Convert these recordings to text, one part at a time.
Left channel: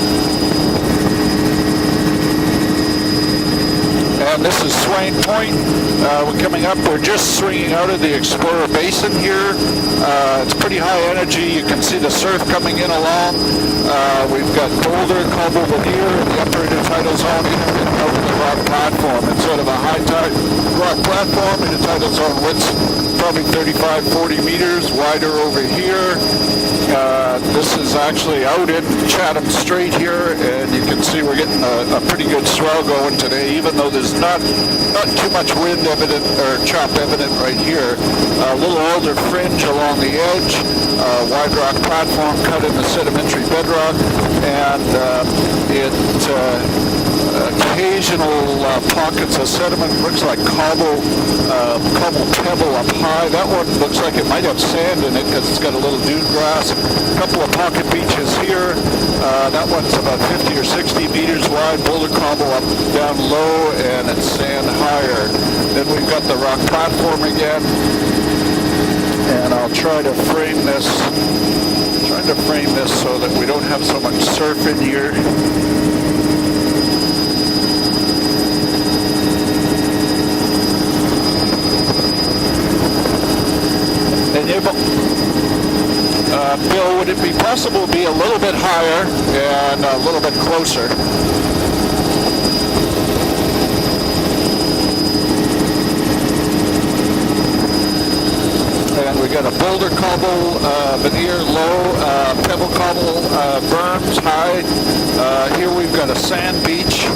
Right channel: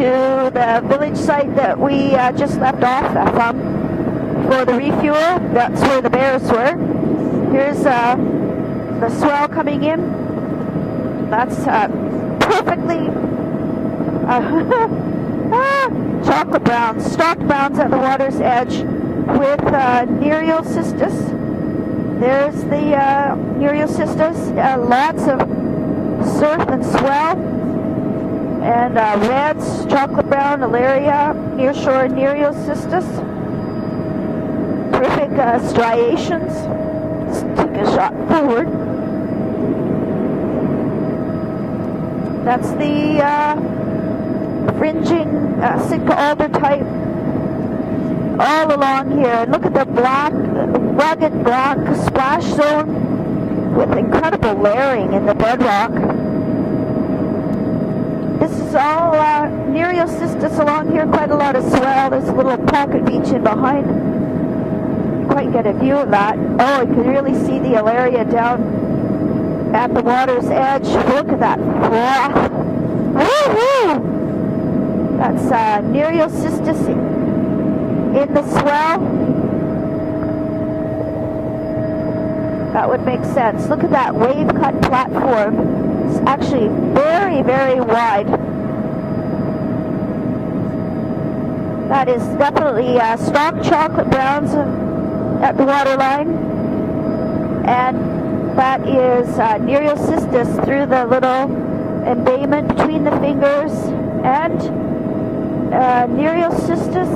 the village site that we just got back. And this is Swain Point. Coming up, we're just swinging out of the Explorer Basin here. It's pretty high energy. You can see the surf coming in along. We've got Boulder, Cobble, Veneer, operator title zone, rock platform instead of a high tide rock platform in the title zone. Width's probably 35, 40 meters wider over here. This is actually out in Chatham Strait here, and you can see we're getting a pretty good swell going today, even though there's not too much wind evident or chop evident right here. A little older fringe along the edge, wide rock platform cut in the sedimentary bedrock, and occasional pockets of sediment. Looks like cobble pebble up high. That one looks like it might have sand in it because it's got a little dune grass. A couple of pocket beaches here. That one's about 50 or 60 meters wide. Little cobble up down low, and it's sand higher. Then we've got the rock platform again. And I'll try to frame this. So that we don't have so much surf in here. That would make sense. Look at that wave cut platform. Bill, would it be possible to be a little bit higher and a little bit closer? That is definitely soft chocolate browns at the waterline. And that is we got a boulder cobble, veneer low, pebble cobble, berms high. Here we've got a sand beach,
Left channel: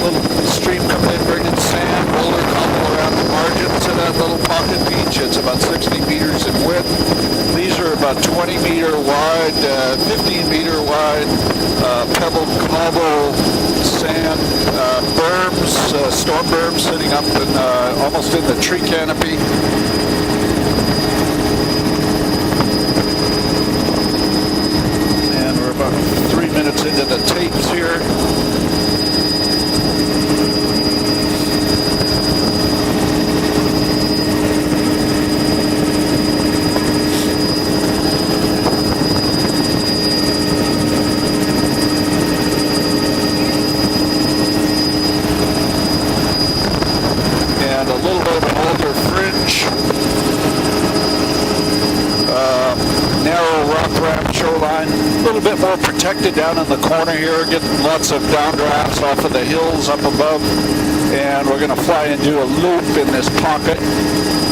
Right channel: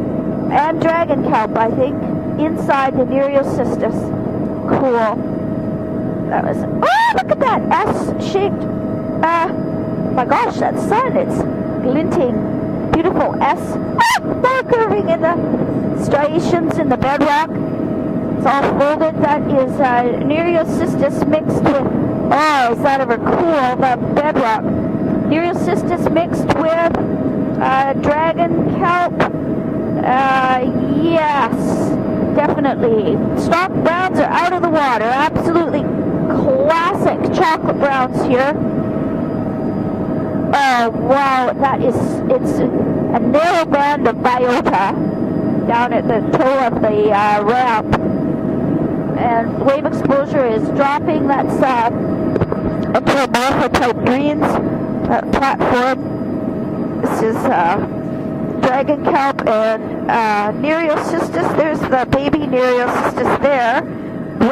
little stream completed sand, boulder cobble around the margins of that little pocket beach. It's about 60 meters in width. These are about 20 meter wide, 50 meter wide, pebble cobble, sand, berms, storm berms sitting up in, almost in the tree canopy. We're 3 minutes into the tapes here. Dragon carp. Yeah, definitely. Soft browns are out of the water. Absolutely classic chocolate browns here. Wow, that is a narrow band of biota down at the toe of the round. And a little bit of an older fringe. And David Booker is dropping that narrow rough round shoreline. A little bit more protected down in the corner here, getting lots of downdrafts off of the hills up above. And we're going to fly into a loop in this pocket. A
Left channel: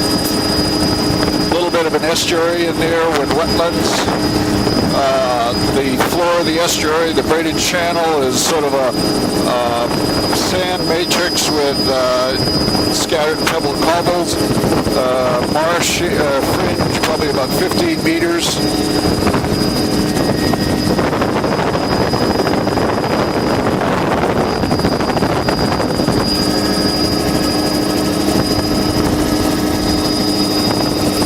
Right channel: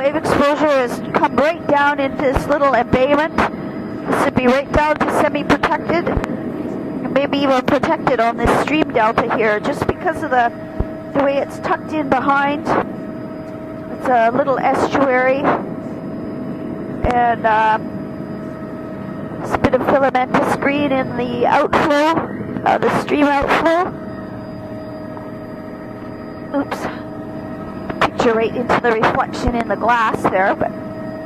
little bit of an estuary in there with wetlands. The floor of the estuary, the braided channel, is sort of a sand matrix with scattered pebble cobbles. Marsh fringe, probably about 15 meters. The filamentous green in the outflow, the stream outflow. It's very pointy in the glass there, but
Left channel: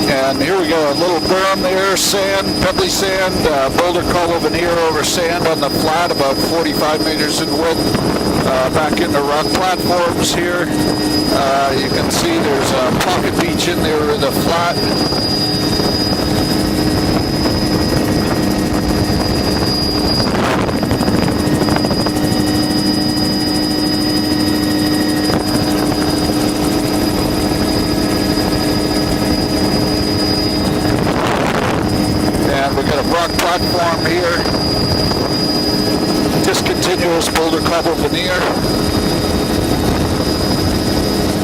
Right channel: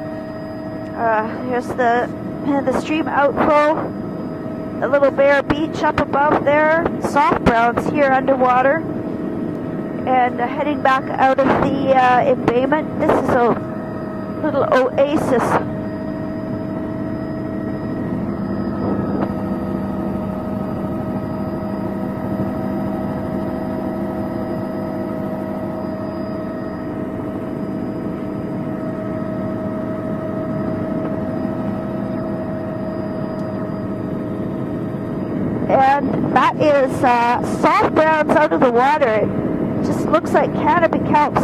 and here we go, a little berm there, sand, pebbly sand, boulder cobble veneer over sand on the flat, about 45 meters in width. Back in the rock platforms here. You can see there's a pocket beach in there in the flat. Platform here. Just continuous boulder cobble veneer. Looks like canopy house.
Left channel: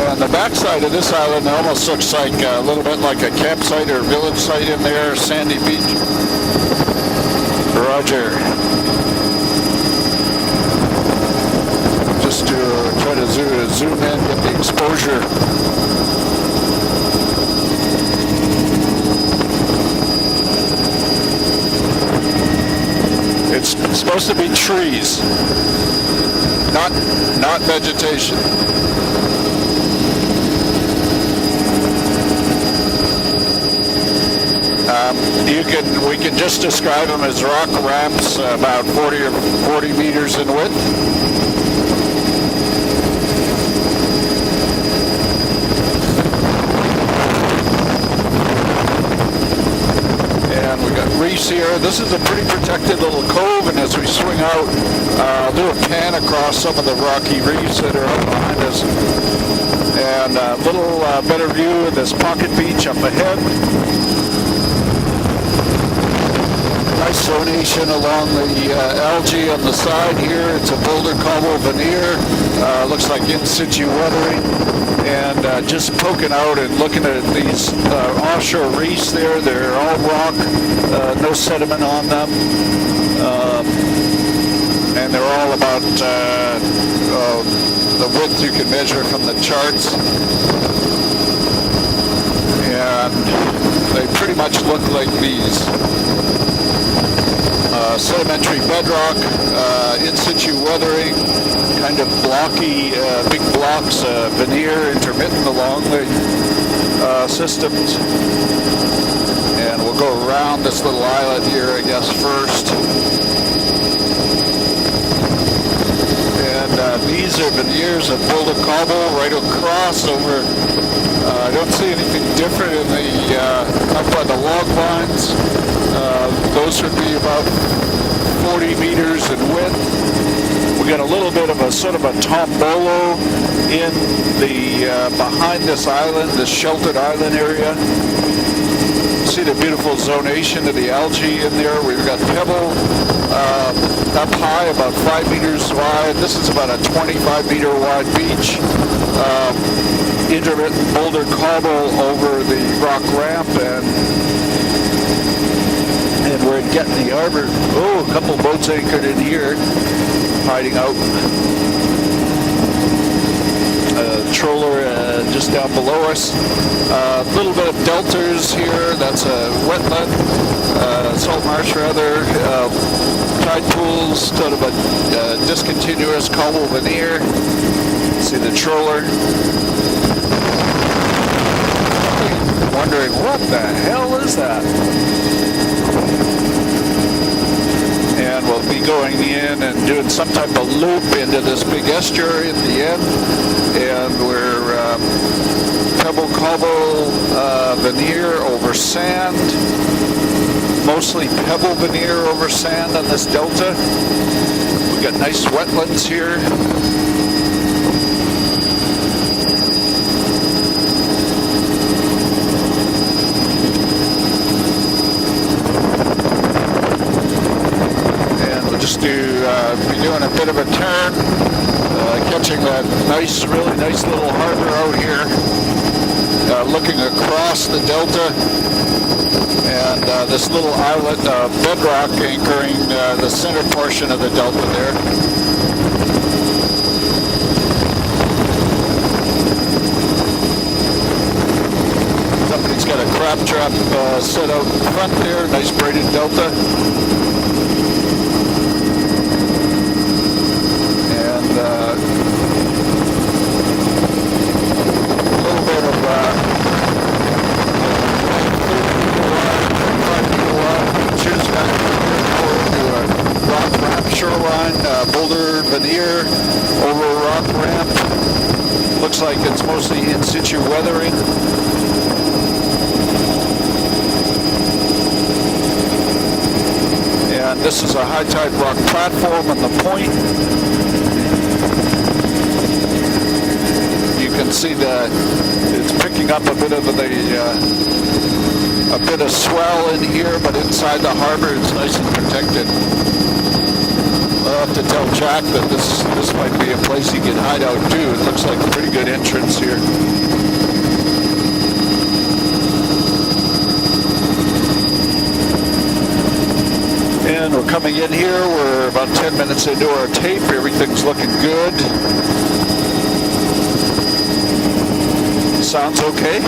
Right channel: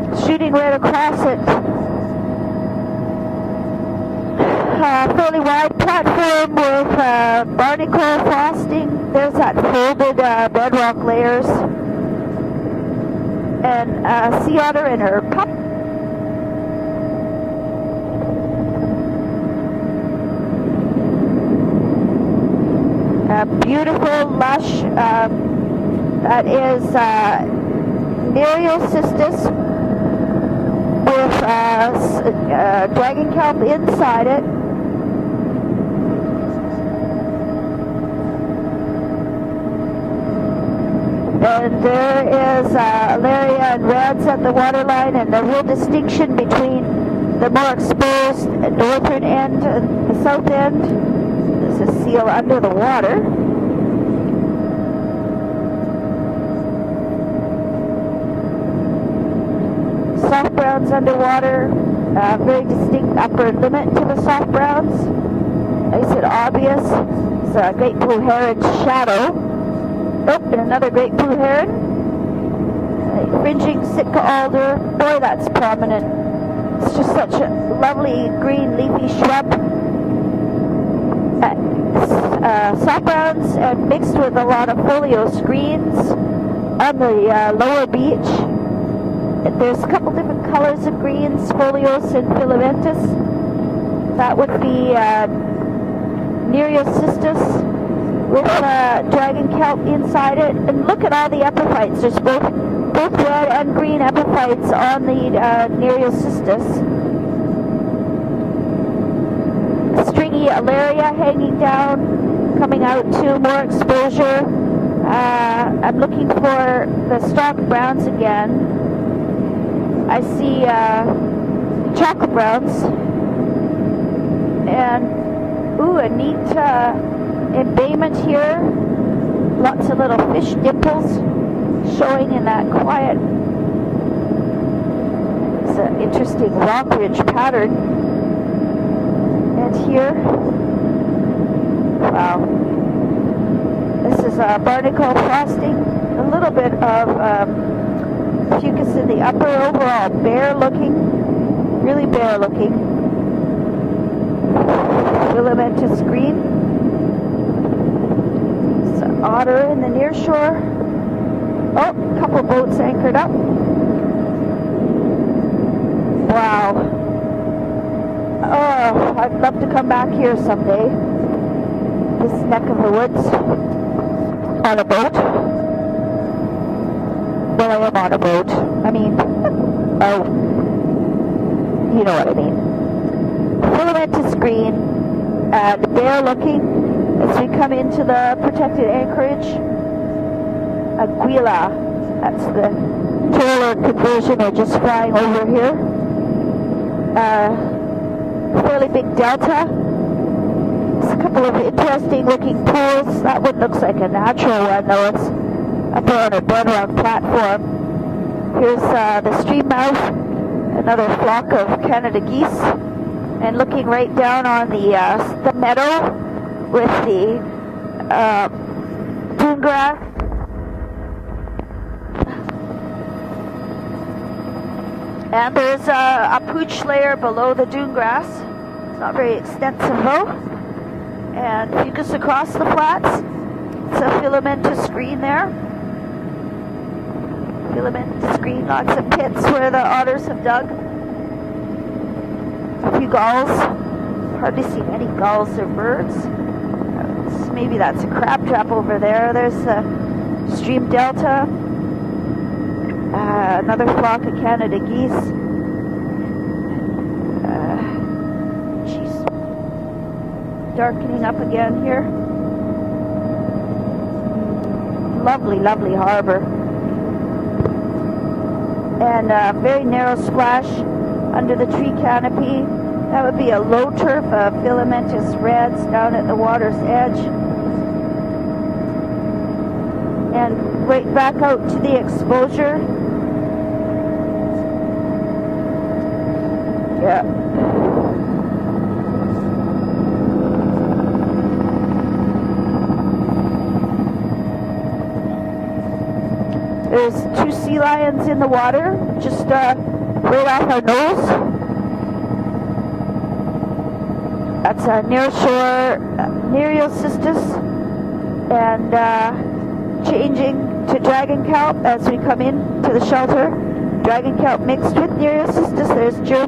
And the backside of this island almost looks like a little bit like a campsite or village site in there. Sandy beach. Roger. There's that table, bedrock layers. Just to try to zoom in with the exposure. It's supposed to be trees, that is, not vegetation. Dragon carp inside it. We can just describe them as rock ramps, about 40 meters in width. There is very grass on the waterline, and the real distinction between the more exposed northern end and southern And we got reefs here. This is a pretty protected little cove, and as we swing out, do a pan across some of the rocky reefs that are up behind us. And a little better view of this pocket beach up ahead. Nice zonation along the algae on the side here. It's a boulder cobble veneer. Looks like in situ weathering. And just poking out and looking at these offshore reefs there. They're all rock, no sediment on them. And they're all about the width you can measure from the charts. And they pretty much look like these sedimentary bedrock, in situ weathering, kind of blocky, big blobs, veneer, intermittent along the systems. And we'll go around this little island here, I guess, first. And these are veneers of boulder cobble right across over. I don't see anything different in the up by the log lines. Those would be about 40 meters in width. We got a little bit of a sort of a tombolo in the behind this island, this sheltered island area. See the beautiful zonation of the algae in there. We've got pebble up high, about 5 meters wide. This is about a 25-meter wide beach. Intermittent boulder cobble over the rock ramp, and we're getting the harbor. Oh, a couple boats anchored in here, hiding out. Oh, a couple boats anchored up. Trawler just down below us. Wow. A little bit of delters here. That's a wetland, salt marsh rather. Tide pools, sort of a discontinuous cobble veneer. See the trawler. Wondering what the hell is that? And we'll be going in and doing some type of loop into this big estuary at the end. And we're pebble cobble veneer over sand. Mostly pebble veneer over sand on this delta. We've got nice wetlands here. Here's the stream mouse, another flock of Canada geese. And looking right down on the meadow with the and we'll just be doing a bit of a turn, catching that nice, really nice little harbor out here. And there's looking across the delta, and this little islet bedrock anchoring the center portion of the delta there. Not to pick where the otters are dug. Somebody's got a crab trap set out front there, nice braided delta. That's crab trap over there. There's the Deep Delta. And, another flock of Canada. A little bit of rock ramp shoreline, boulder veneer over a rock ramp. Looks like it's mostly in situ weathering. Under the tree canopy. That would be a low turf, filament is red down at the water's edge. And this is a high tide rock platform on the point. And bring back out to the exposure. You can see that it's picking up a bit of a bit of swell in here, but inside the harbor it's nice and protected. I'll have to tell Jack that this might be a place he can hide out too. It looks like a pretty good entrance here. That's near shore, and we're coming in here. We're about 10 minutes into our tape. Everything's looking good. Sounds okay.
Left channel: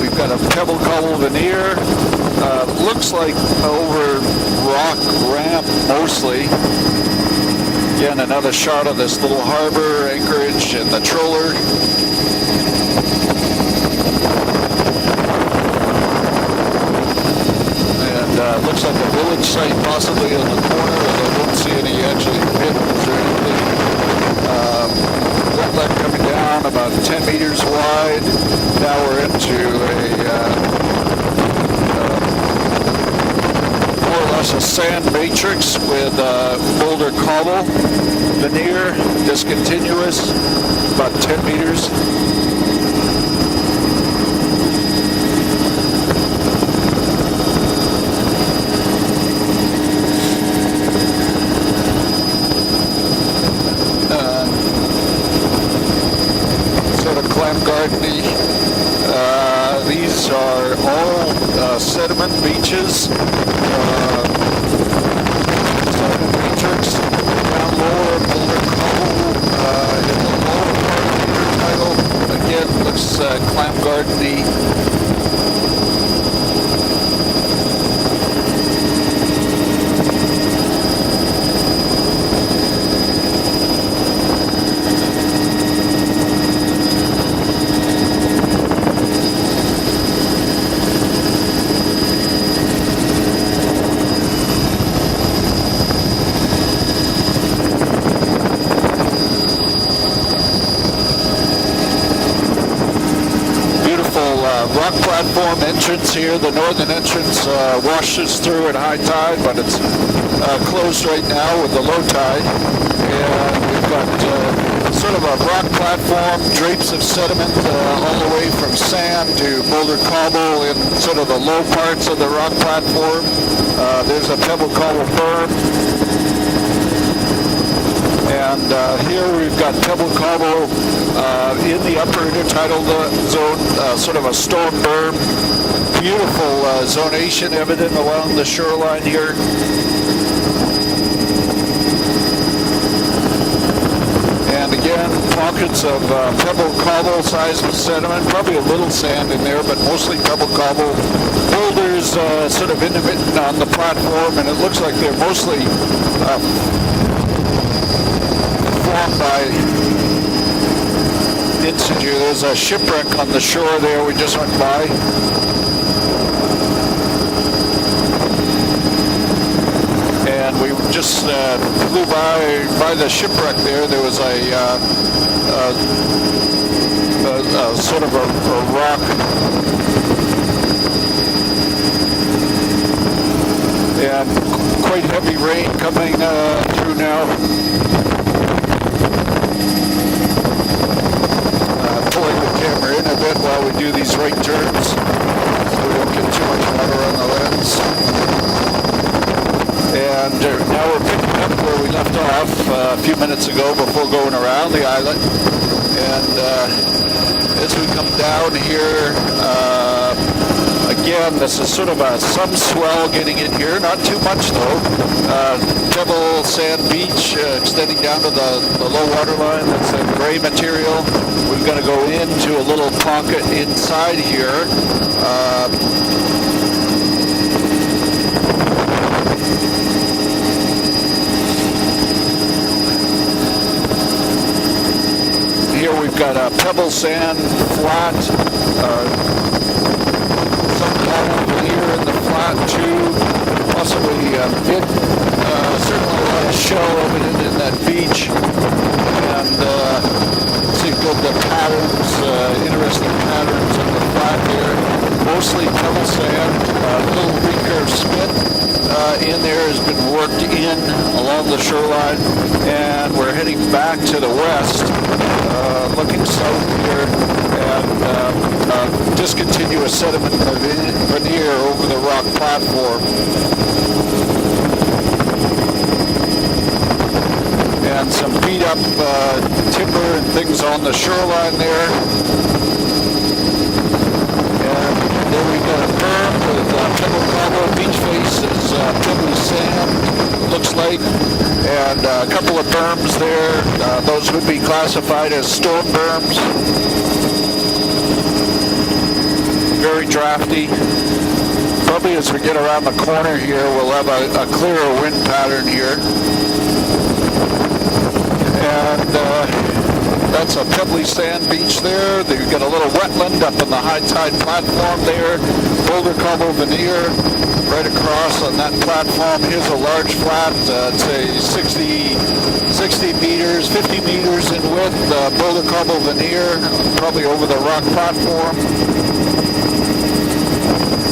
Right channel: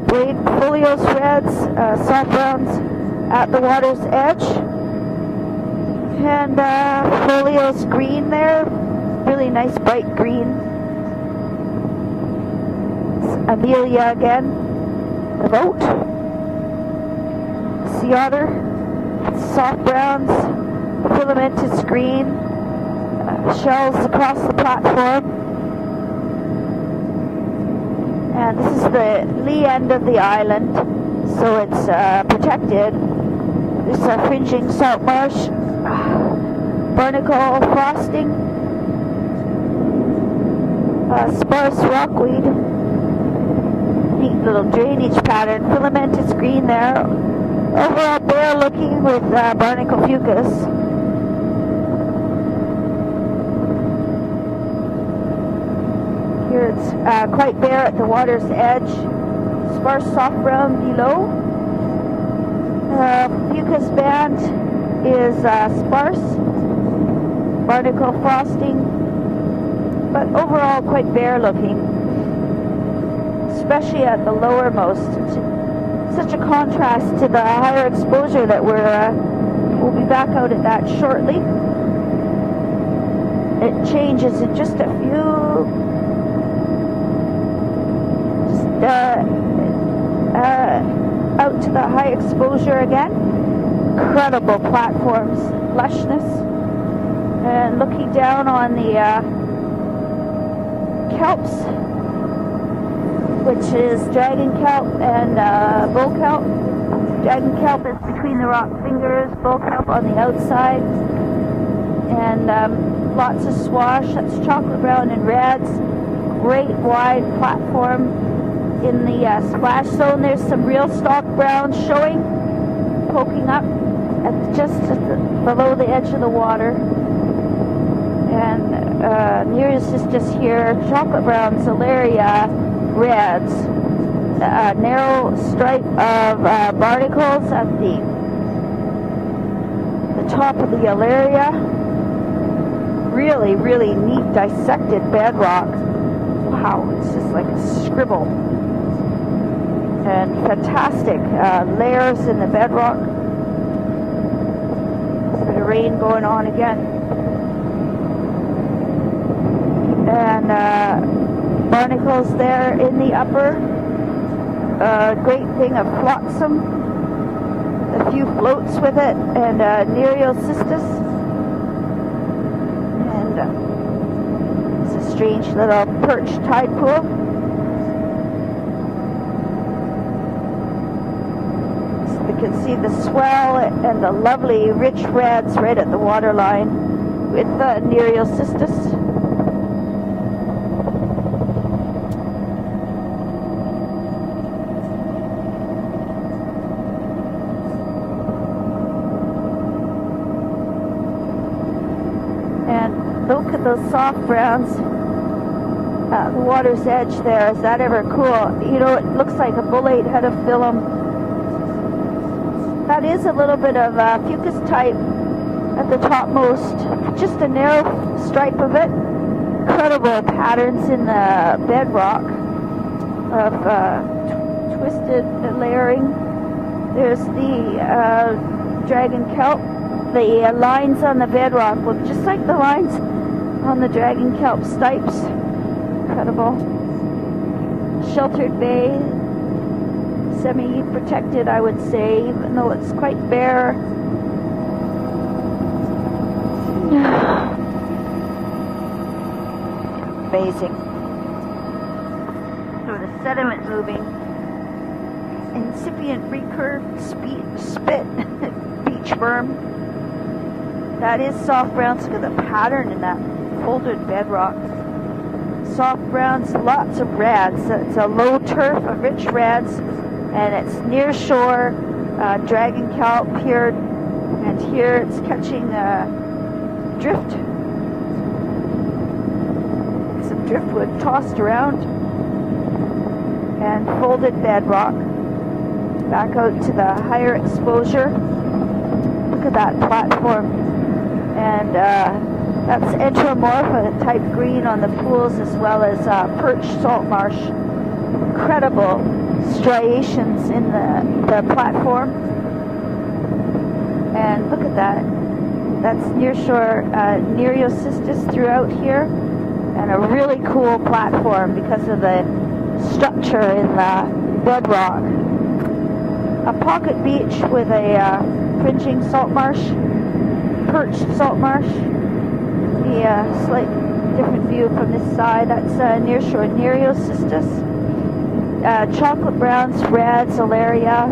We've got a pebble cobble veneer. Looks like over rock ramp mostly. Again, another shot of this little harbor anchorage and the trawler. And looks like a village site possibly in the corner. I don't see any actually pins or anything. Wetland coming down about 10 meters wide. Now we're into protected. More or less a sand matrix with boulder cobble, veneer, discontinuous, about 10 meters. Little grading pattern, filamented green there. Overall, they're looking with barnacle future. Quite there at the water's edge. These are all sediment beaches. That is Matrix. barnacle crossing. But overall, quite bare looking. Again, looks clam Especially at the garden-y. lowermost. Just a contrast to the higher exposure that we'll back out of that shortly. It changes the distance. Out the high exposure again. Incredible platform reflection. And looking down on the kelp. Beautiful rock platform entrance here. The northern entrance washes through at high tide, but it's closed right now with the low tide. And we've got sort of a rock platform, drapes of sediment all the way from sand to boulder cobble in sort of the low parts of the rock platform. There's a pebble cobble berm. Below the edge of the water. And here we've got pebble cobble in the upper intertidal zone, sort of a storm berm. Beautiful zonation evident along the shoreline here. Top of the area. Really, really neat. And again, pockets of pebble cobble size of sediment, probably a little sand in there, but mostly pebble cobble. Boulders sort of intermittent on the platform, and it looks like they're mostly formed by in situ. There's a shipwreck on the shore there we just went by. And we just flew by the shipwreck there. There was a sort of a rock. And quite heavy rain coming through now. Pulling the camera in a bit while we do these right turns, so we don't get too much water on the lens. And now we're picking up where we left off a few minutes ago before going around the island. And as we come down here, again, this is sort of some swell getting in here, not too much though. Pebble sand beach extending down to the low water line. Some gray material. We've got to go into a little pocket inside here. The lines on the bedrock look like the lines on the dragon kelp site. Here we've got a pebble sand flat. Some cobble here in the flat too. Possibly certainly a lot of shell in that beach. And see the patterns, interesting patterns in the flat here. Mostly pebble sand, a little recurve spit. In there has been worked in along the shoreline, and we're heading back to the west, looking south here, and discontinuous sediment veneer over the rock platform. And some beat up timber and things on the shoreline there. And then we've got a berm with pebble cobble beach faces, pebble sand, looks like, and a couple of berms there. Those would be classified as storm berms. Very drafty. Probably as we get around the corner here, we'll have a clearer wind pattern here. And that's a pebbly sand beach there. You've got a little wetland up in the high tide platform there. Boulder cobble veneer right across on that platform. Here's a large flat, I'd say 60 meters, 50 meters in width. Boulder cobble veneer, probably over the rock platform. Chocolate brown, red, valeria.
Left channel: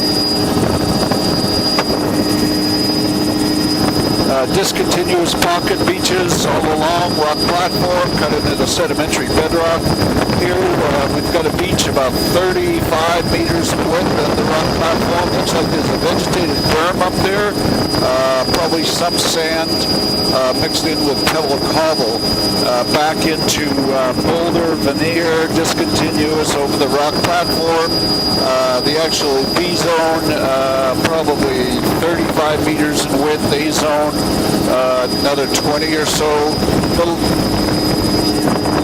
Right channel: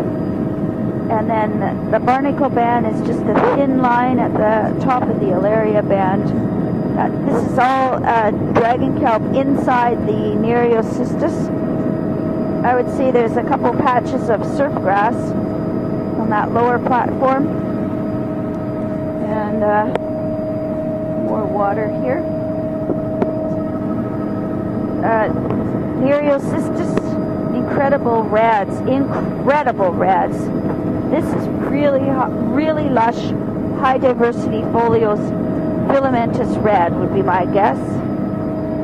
the Barnacle Band is just a thin line of discontinuous pocket beaches all along rock platform, cut into the sedimentary bedrock. Here we've got a beach about 35 meters width of the rock platform. Looks like there's a vegetated berm up there. Probably some sand mixed in with pebble cobble. Back into boulder, veneer, discontinuous over the rock platform. The actual B-zone, probably 35 meters in width. A-zone, another 20 or so.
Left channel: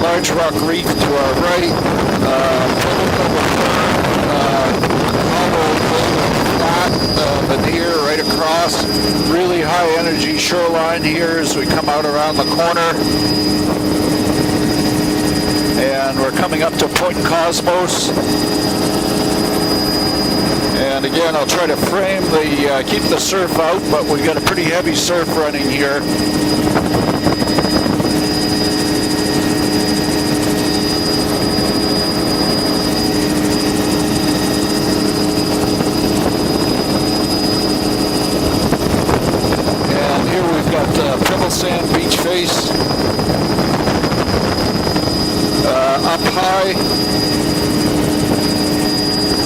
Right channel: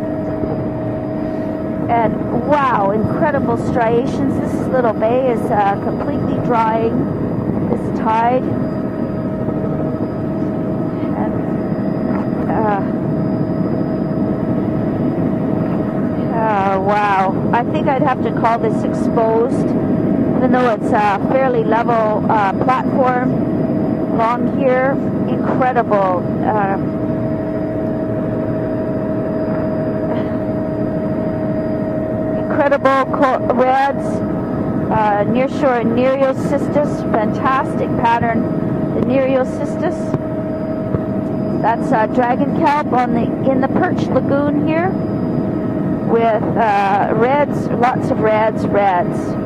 Large rock reef to our right. Veneer right across. Really high energy shoreline here as we come out around the corner. And we're coming up to Point Cosmos. And again, I'll try to frame keep the surf out, but we've got a pretty heavy surf running here. Incredible red, nearshore Nereosystem, fantastic pattern Nereosystem. And here we've got Pebble Sand Beach Face. In the Perch Lagoon here. Up high. Red, lots of red,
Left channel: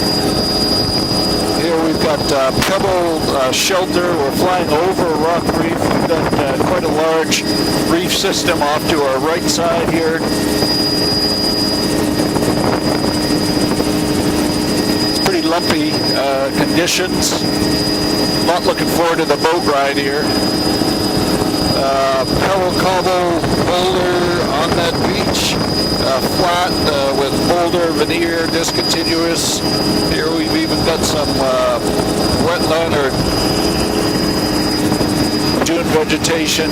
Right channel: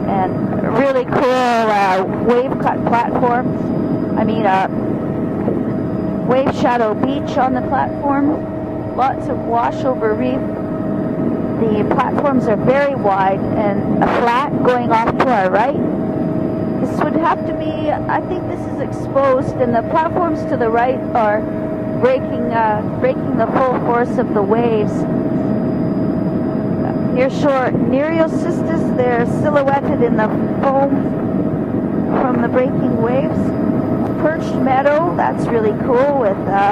and really clear. Here we've got Pebble Shelter. We're flying over a rock reef. We've got quite a large reef system off to our right side here. The platforms are very wide and flat going off to our right. Pretty lumpy conditions. Not looking forward to the boat ride here. To the right are Pebble Cobble boulder on that beach. Flat with boulder, veneer, discontinuous. Here we've even got some wetland or dune vegetation.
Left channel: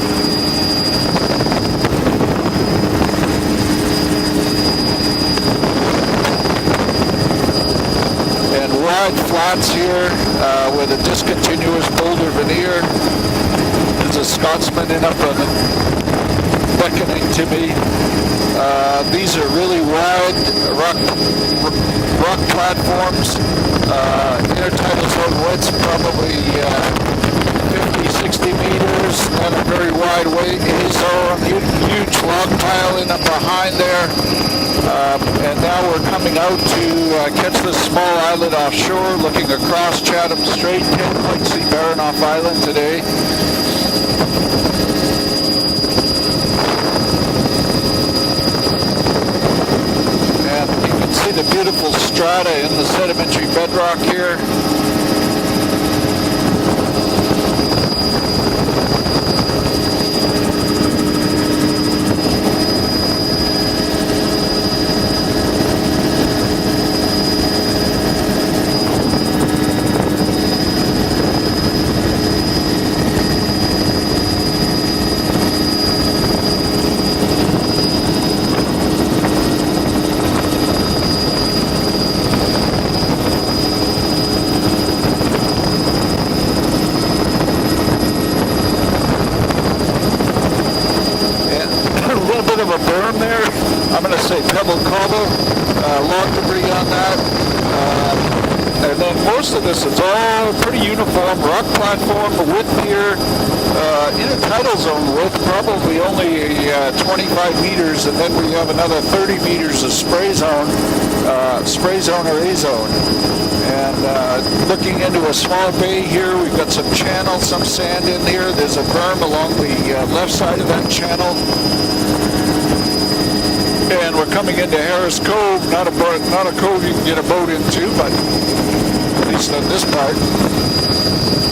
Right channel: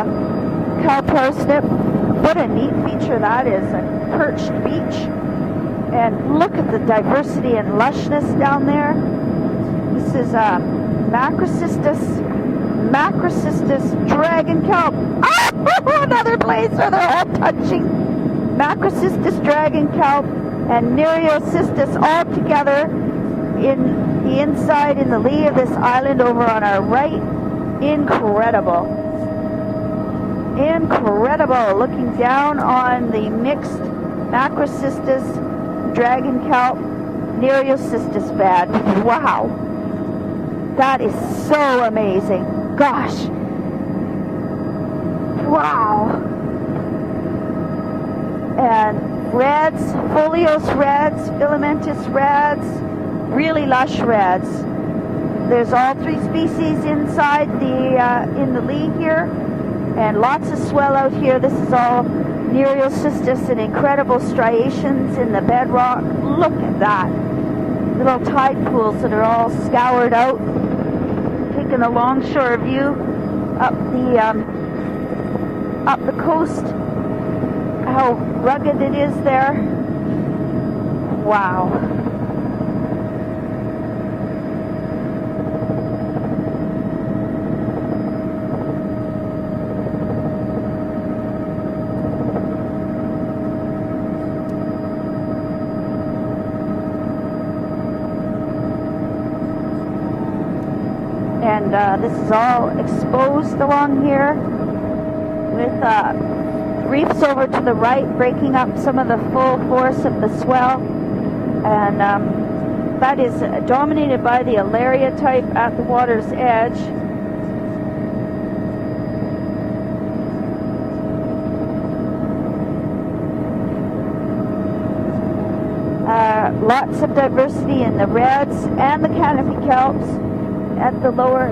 What an easy that is. And look at the diversity and lushness down and there. wide flats here with a discontinuous boulder veneer. It's a Scotsman enough to beckon to me. These are really wide rock platforms. Intertidal zone width's probably 50, 60 meters and a very wide wake. Huge rock piling up behind there. And now we're coming out to catch this small island offshore, looking across Chatham Strait. Can't quite see Baranoff Island today. Wow. And red, folios red. See the beautiful strata in the sedimentary bedrock here. There's all the species inside in the beach here, and lots of swell out here. This is all Nereosystem and incredible striations in the bedrock. Look at that. Little tide pools that are all scoured out. Just in a longshore view up the coast. How rugged it is there. Wow. Berm there. I'm going to say pebble cobble, log debris on that. And then most of this is all pretty uniform. Rock platform, the width here, tidal zone width, probably only 25 meters, and then we have another 30 meters of spray zone or A-zone. And looking into a small bay here, we've got some channel, some sand in here. There's a berm along the left side of that channel. And we're coming into Harris Cove, not a cove you can get a boat into, but at least on this part. At the lower,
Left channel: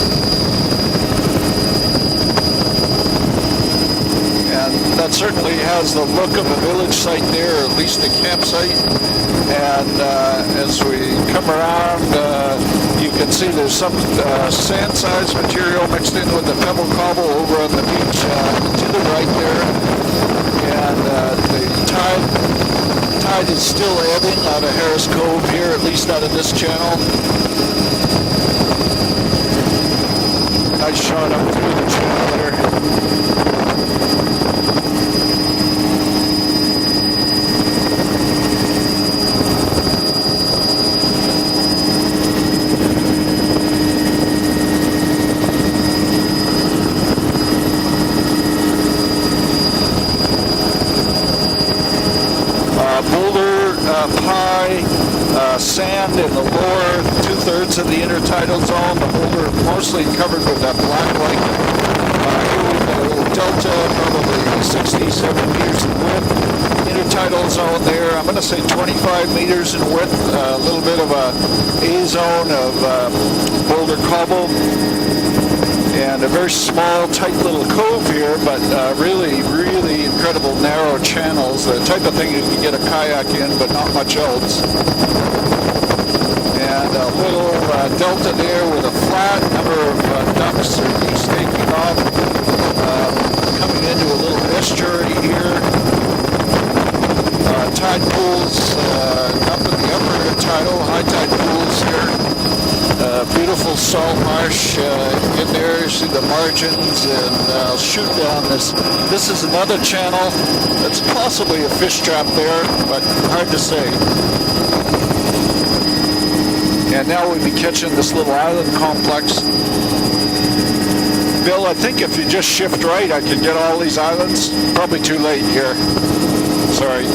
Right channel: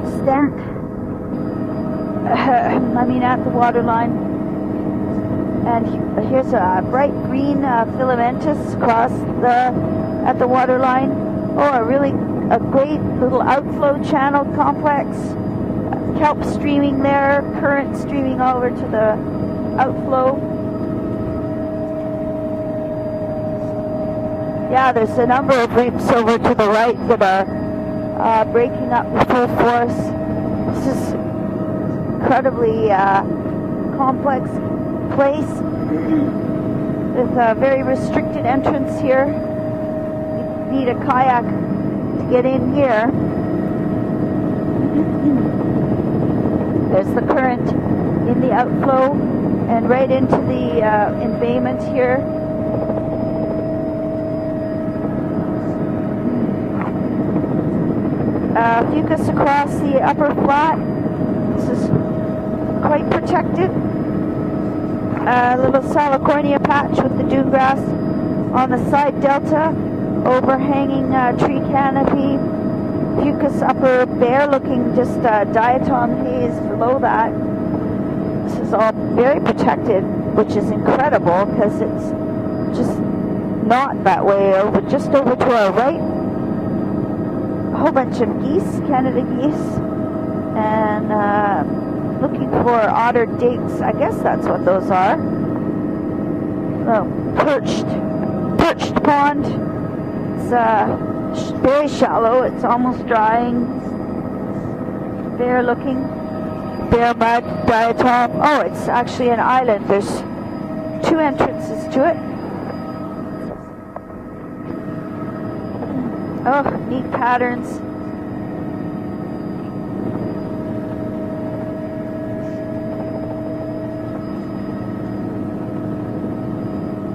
running at the water line. And that certainly has the look of a village site there, or at least the campsite. And as we come around, you can see there's some sand size material mixed in with the pebble cobble over on the beach to the right there. And the tide is still ebbing out of Harris Cove here, at least out of this channel. Breaking up the first one. Nice shot up through the channel. Incredibly complex place. There's a very restricted entrance here. You need a kayak to get in here. right into the embayments here. Boulder, pie, sand in the lower 2/3 of the intertidal zone. We're mostly covered with that black lake. Here we go, delta, probably 60, 70 meters. Intertidal zone there, I'm going to say 25 meters in width. A little bit of a A-zone of boulder cobble. And a very small, tight little cove here, but really incredible narrow channels. The type of thing you can get a kayak in, but not much else. And a little delta there with a flat number of ducks taking off. Coming into a little estuary here. Tide pools up in the upper tidal, high tide pools here. Beautiful salt marsh in there. You see the margins and sugar down. This is another channel. That's possibly a fish trap there, but hard to say. And now we'll be catching this little island complex. Bill, I think if you just shift right, I can get all these islands. Probably too late here. Sorry.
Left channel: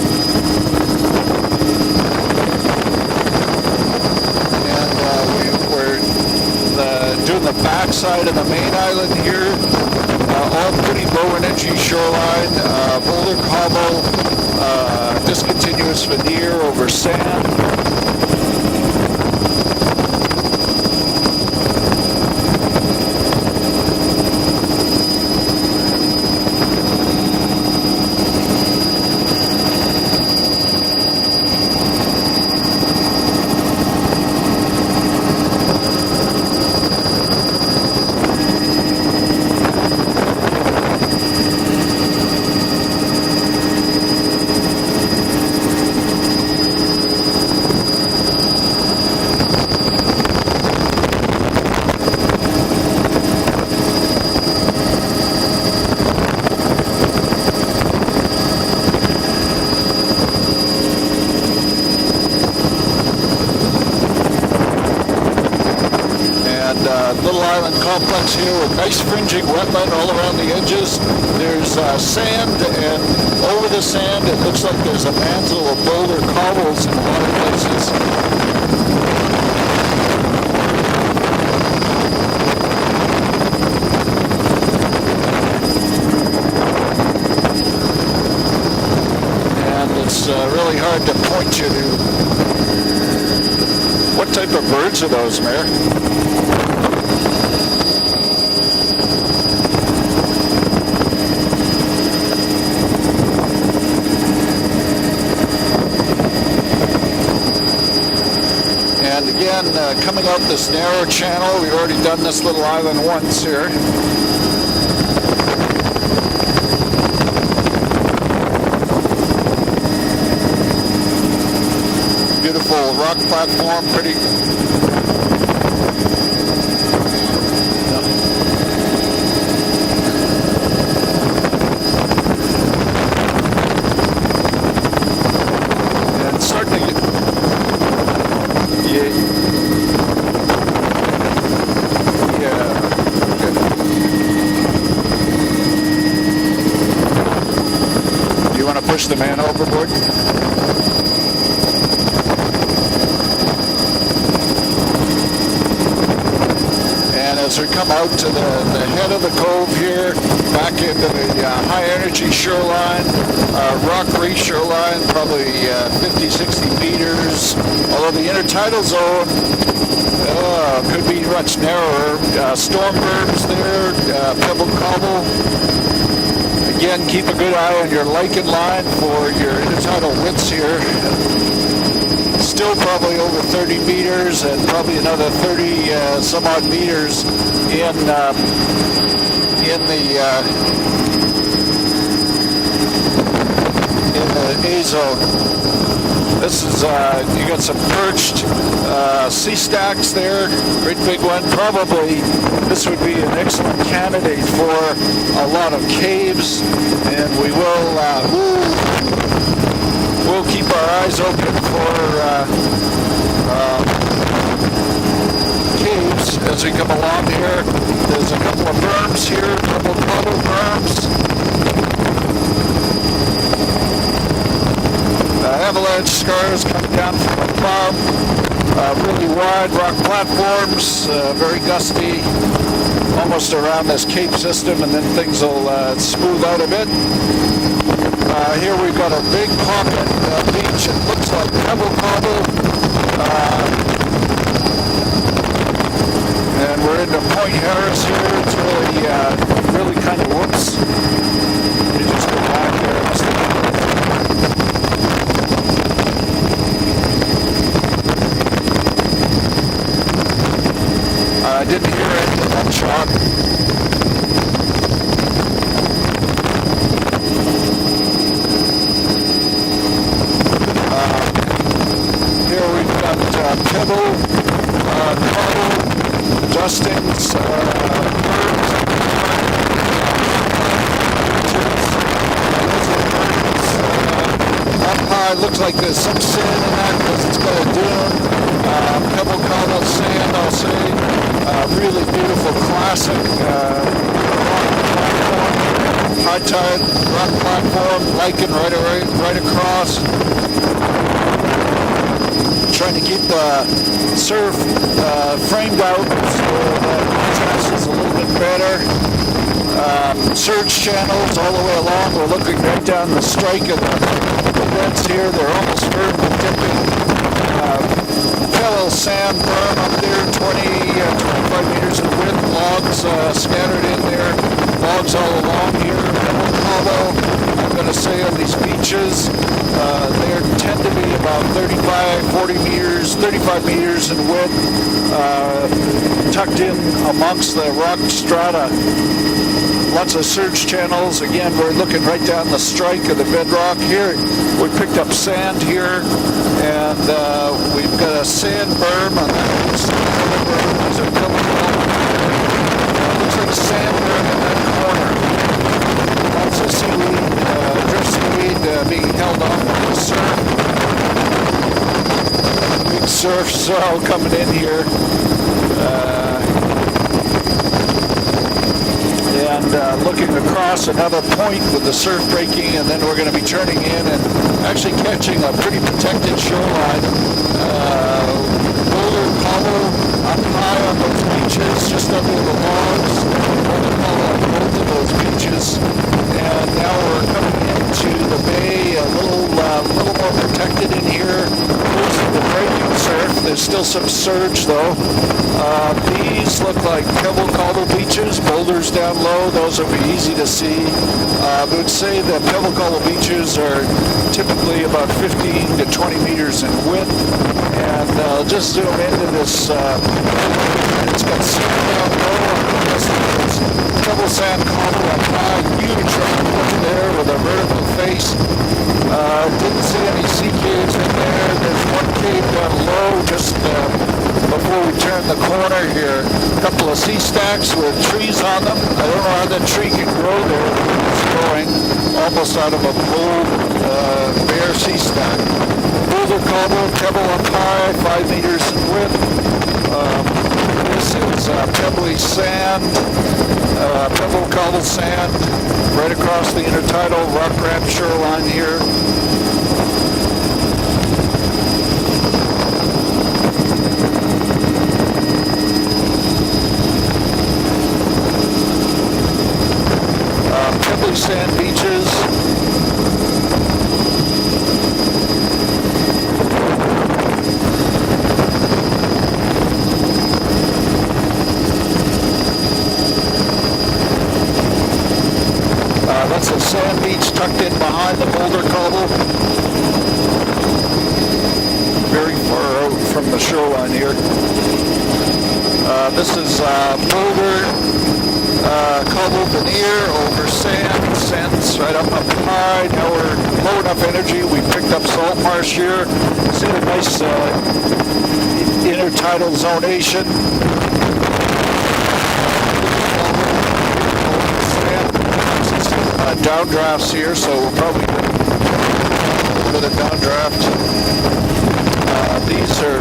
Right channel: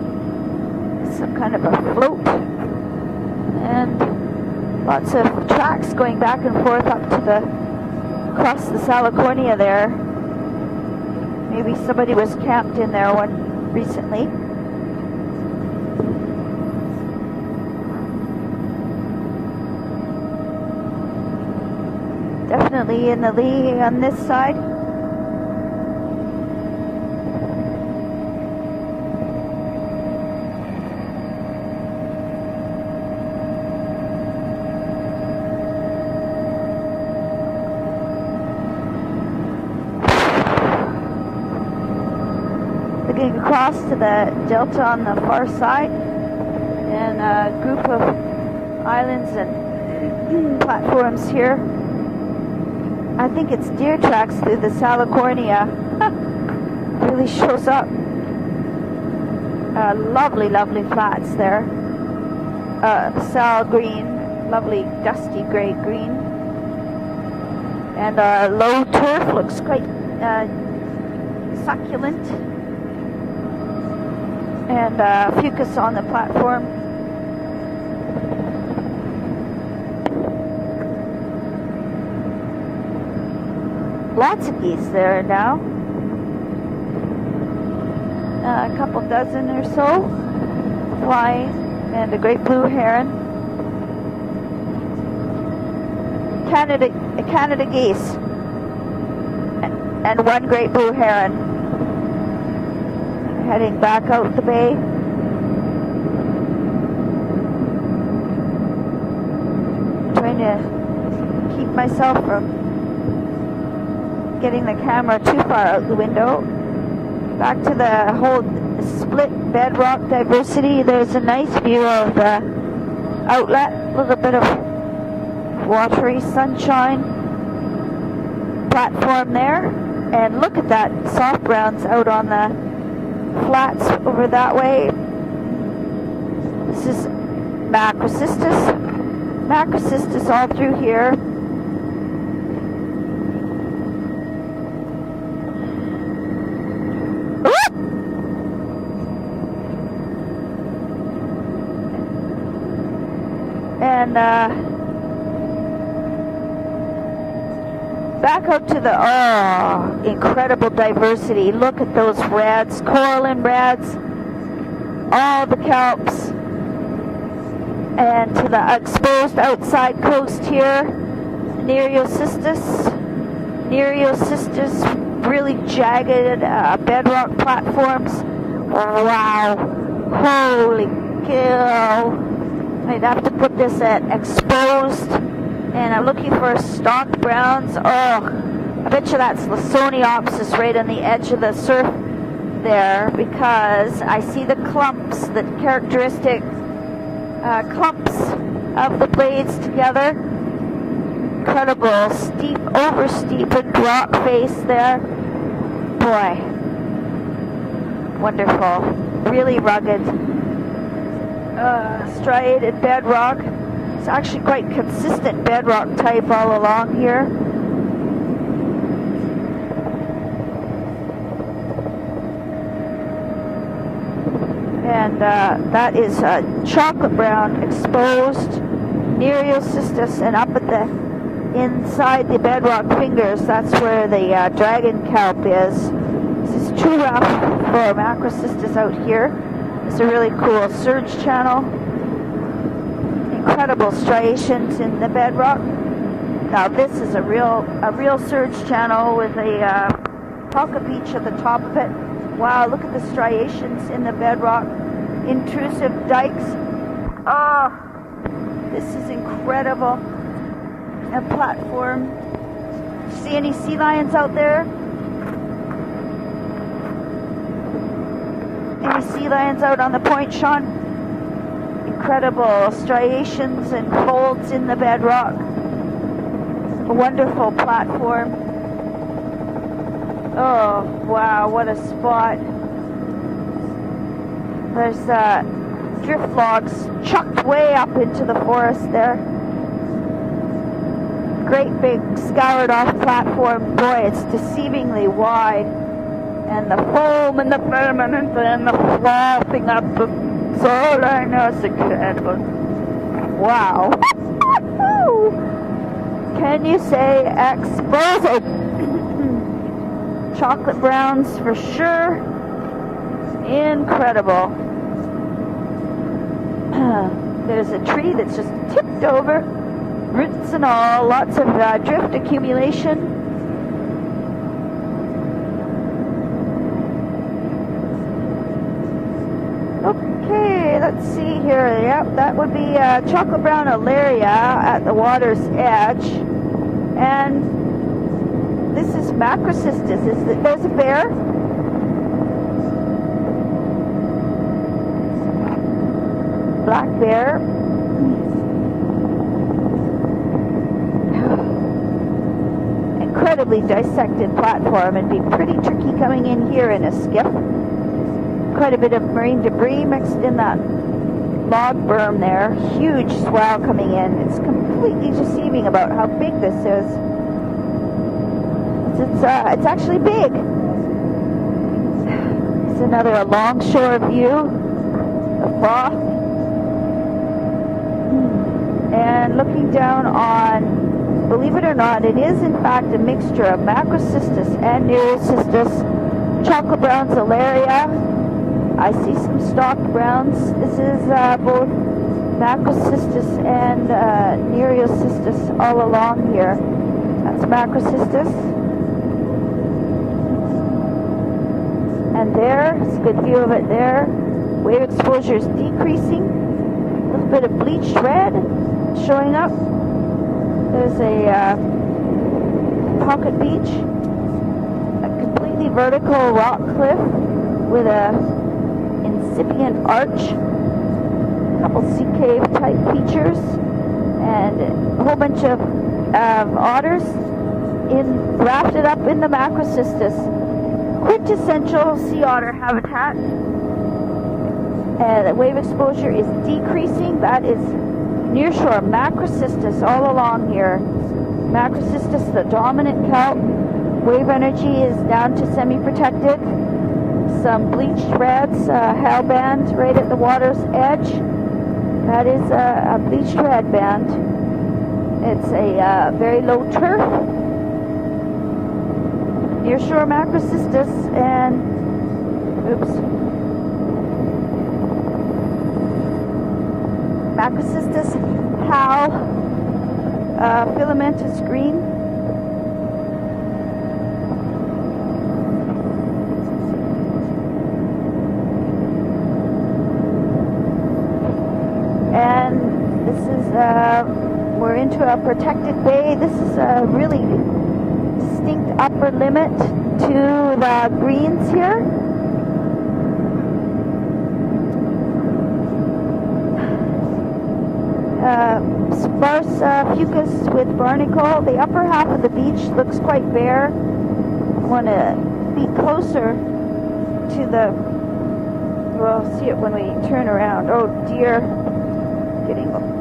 And going back and forth doing the backside of the main island here. All pretty low energy shoreline. Boulder cobble, discontinuous veneer over sand. Definitely in the lead on this side. On the far side, and group of islands and platforms here. I think the spear track is in California. Really shows up. Lovely tracks there. Sour green, lovely, definitely great. And little island complex here with nice fringing wetland all around the edges. There's sand, and over the sand it looks like there's a mantle of boulder cobbles in a lot of places. Black sheep there now. A couple dozen. And it's really hard to point you to. And the great blue heron. What type of birds are those, Mayor? Canada geese. And one great blue heron. Heading back out today. And again, coming up this narrow channel, we've already done this little island once here. Getting the camera too far out the window. Back to the whole split bedrock diversity. There's a nice view of the beautiful rock outlet with a bit of watery sunshine. Platform there. And look at that soft ground out on the flat over that way. And certainly back assistance. Yeah. Back assistance all through here. Yeah. Okay. Do you want to push the man overboard? And as we come out to the head of the cove here, back in the high energy shoreline, rock reef shoreline, probably 50, 60 meters. The intertidal zone could be much narrower. Storm berms there, pebble cobble. Really jagged. Again, keep a good eye on your lichen line for your intertidal hits here. Still probably over 30 meters and probably another 30 some odd meters in right on the edge of the surf there, because I think the characteristic. This is you got some perched sea stacks there, great big one. Probably this would be an excellent candidate for a lot of caves, and we will. Really rugged. We'll keep our eyes open for it's bedrock. Actually quite some bedrock caves type all as we come along along here. here. There's a couple of berms here, a couple of cobble berms. avalanche scars coming down from above. Really wide rock platforms, very gusty, almost around this cave system, and then things will smooth out a bit. Here we've got a big pocket beach. It looks like pebble cobble. Incredible striation in the bedrock. Now, And we're in the Point Harris here. It's really kind of whoops. Wow, striation in the bedrock. Intrusive dike. Incredible. I didn't hear any of that shot. See any sea lions out there? Sea lions out on the point, Sean? Incredible striation. Holes in the bedrock. Adjusting. Wonderful platform. Oh, wow, what a spot. It looks like there's some sand in that. Way up into the forest there. Pebble cobble sand, I'll say. Really beautiful Scoured on the classic. platform. Boy, it's wide. High tide, rock platform, hiking right away, right across. Trying to keep the surf framed out. Better. Surge channels all the way along. We're looking right down the strike and the vents here. They're almost vertical dipping. Fellow sand berm up there, 20 meters of width. Logs scattered in there. Logs all along here. Although I'm going to say on these beaches, they tend to be about 35, 40 meters, 35 meters in width. At the water's edge. Tucked in amongst the rock strata. Lots of surge channels. Again, we're looking right down the strike of the bedrock here. We picked up sand here, and we've got a sand berm on the berms are coming along. Looks like a sand berm in the corner. Drift seaweed being held off with the surf. Surf swell coming in here. And looking across another point with the surf breaking, and then we're going to be turning in and actually catching a pretty protected shoreline. Looking down on the beaches, just a little beaches, and to the bay, a little more protected in here. The breaking surf. There's still some surge though. These look like pebble cobble beaches, boulders down low. Those would be easy to see. I would say that pebble cobble beaches are typically about 15 to 20 meters in width. And I'll just zoom into this. It's got sand down low. Pebble sand cobble up high. There with a vertical face. Didn't see any sea caves in there. There's one cave down low just before we turn the corner here. A couple of sea stacks with trees on them. I don't know how the tree can grow there. It's growing almost out of a full bare sea stack. Boulder cobble, pebble up high, 5 meters in width. This is pebbly sand, pebble cobble sand, right across the intertidal rock ramp shoreline here. Hellband right at the water's edge. That is a beach headband. It's a very low surf. Here's where Massachusetts pebbly sand beaches. Massachusetts, Powell, Pyramid That's a sand beach tucked in behind the boulder cobble. Very far out from the shoreline here. This is boulder cobble veneer over sand. Sand's right up high. Now we're low enough energy. We picked up salt marsh here. See the nice intertidal zonation. Downdrafts here, so we'll probably over the downdraft. These are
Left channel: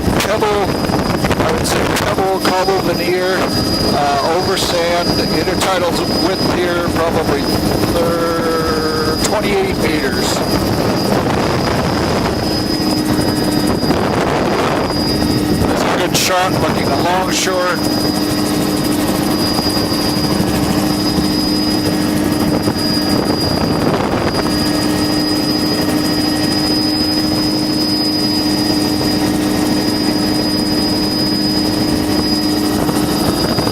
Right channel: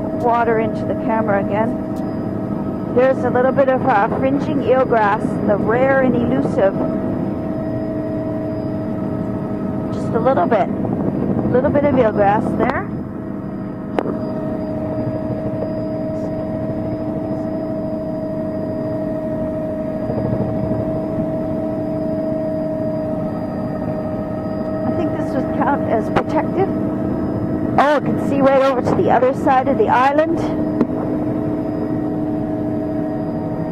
pebble cobble veneer over sand. The intertidal width here probably 28 meters. little bit of wheelgrass there. That's a good shot looking along shore. Oh, you see right over to the other side of the island?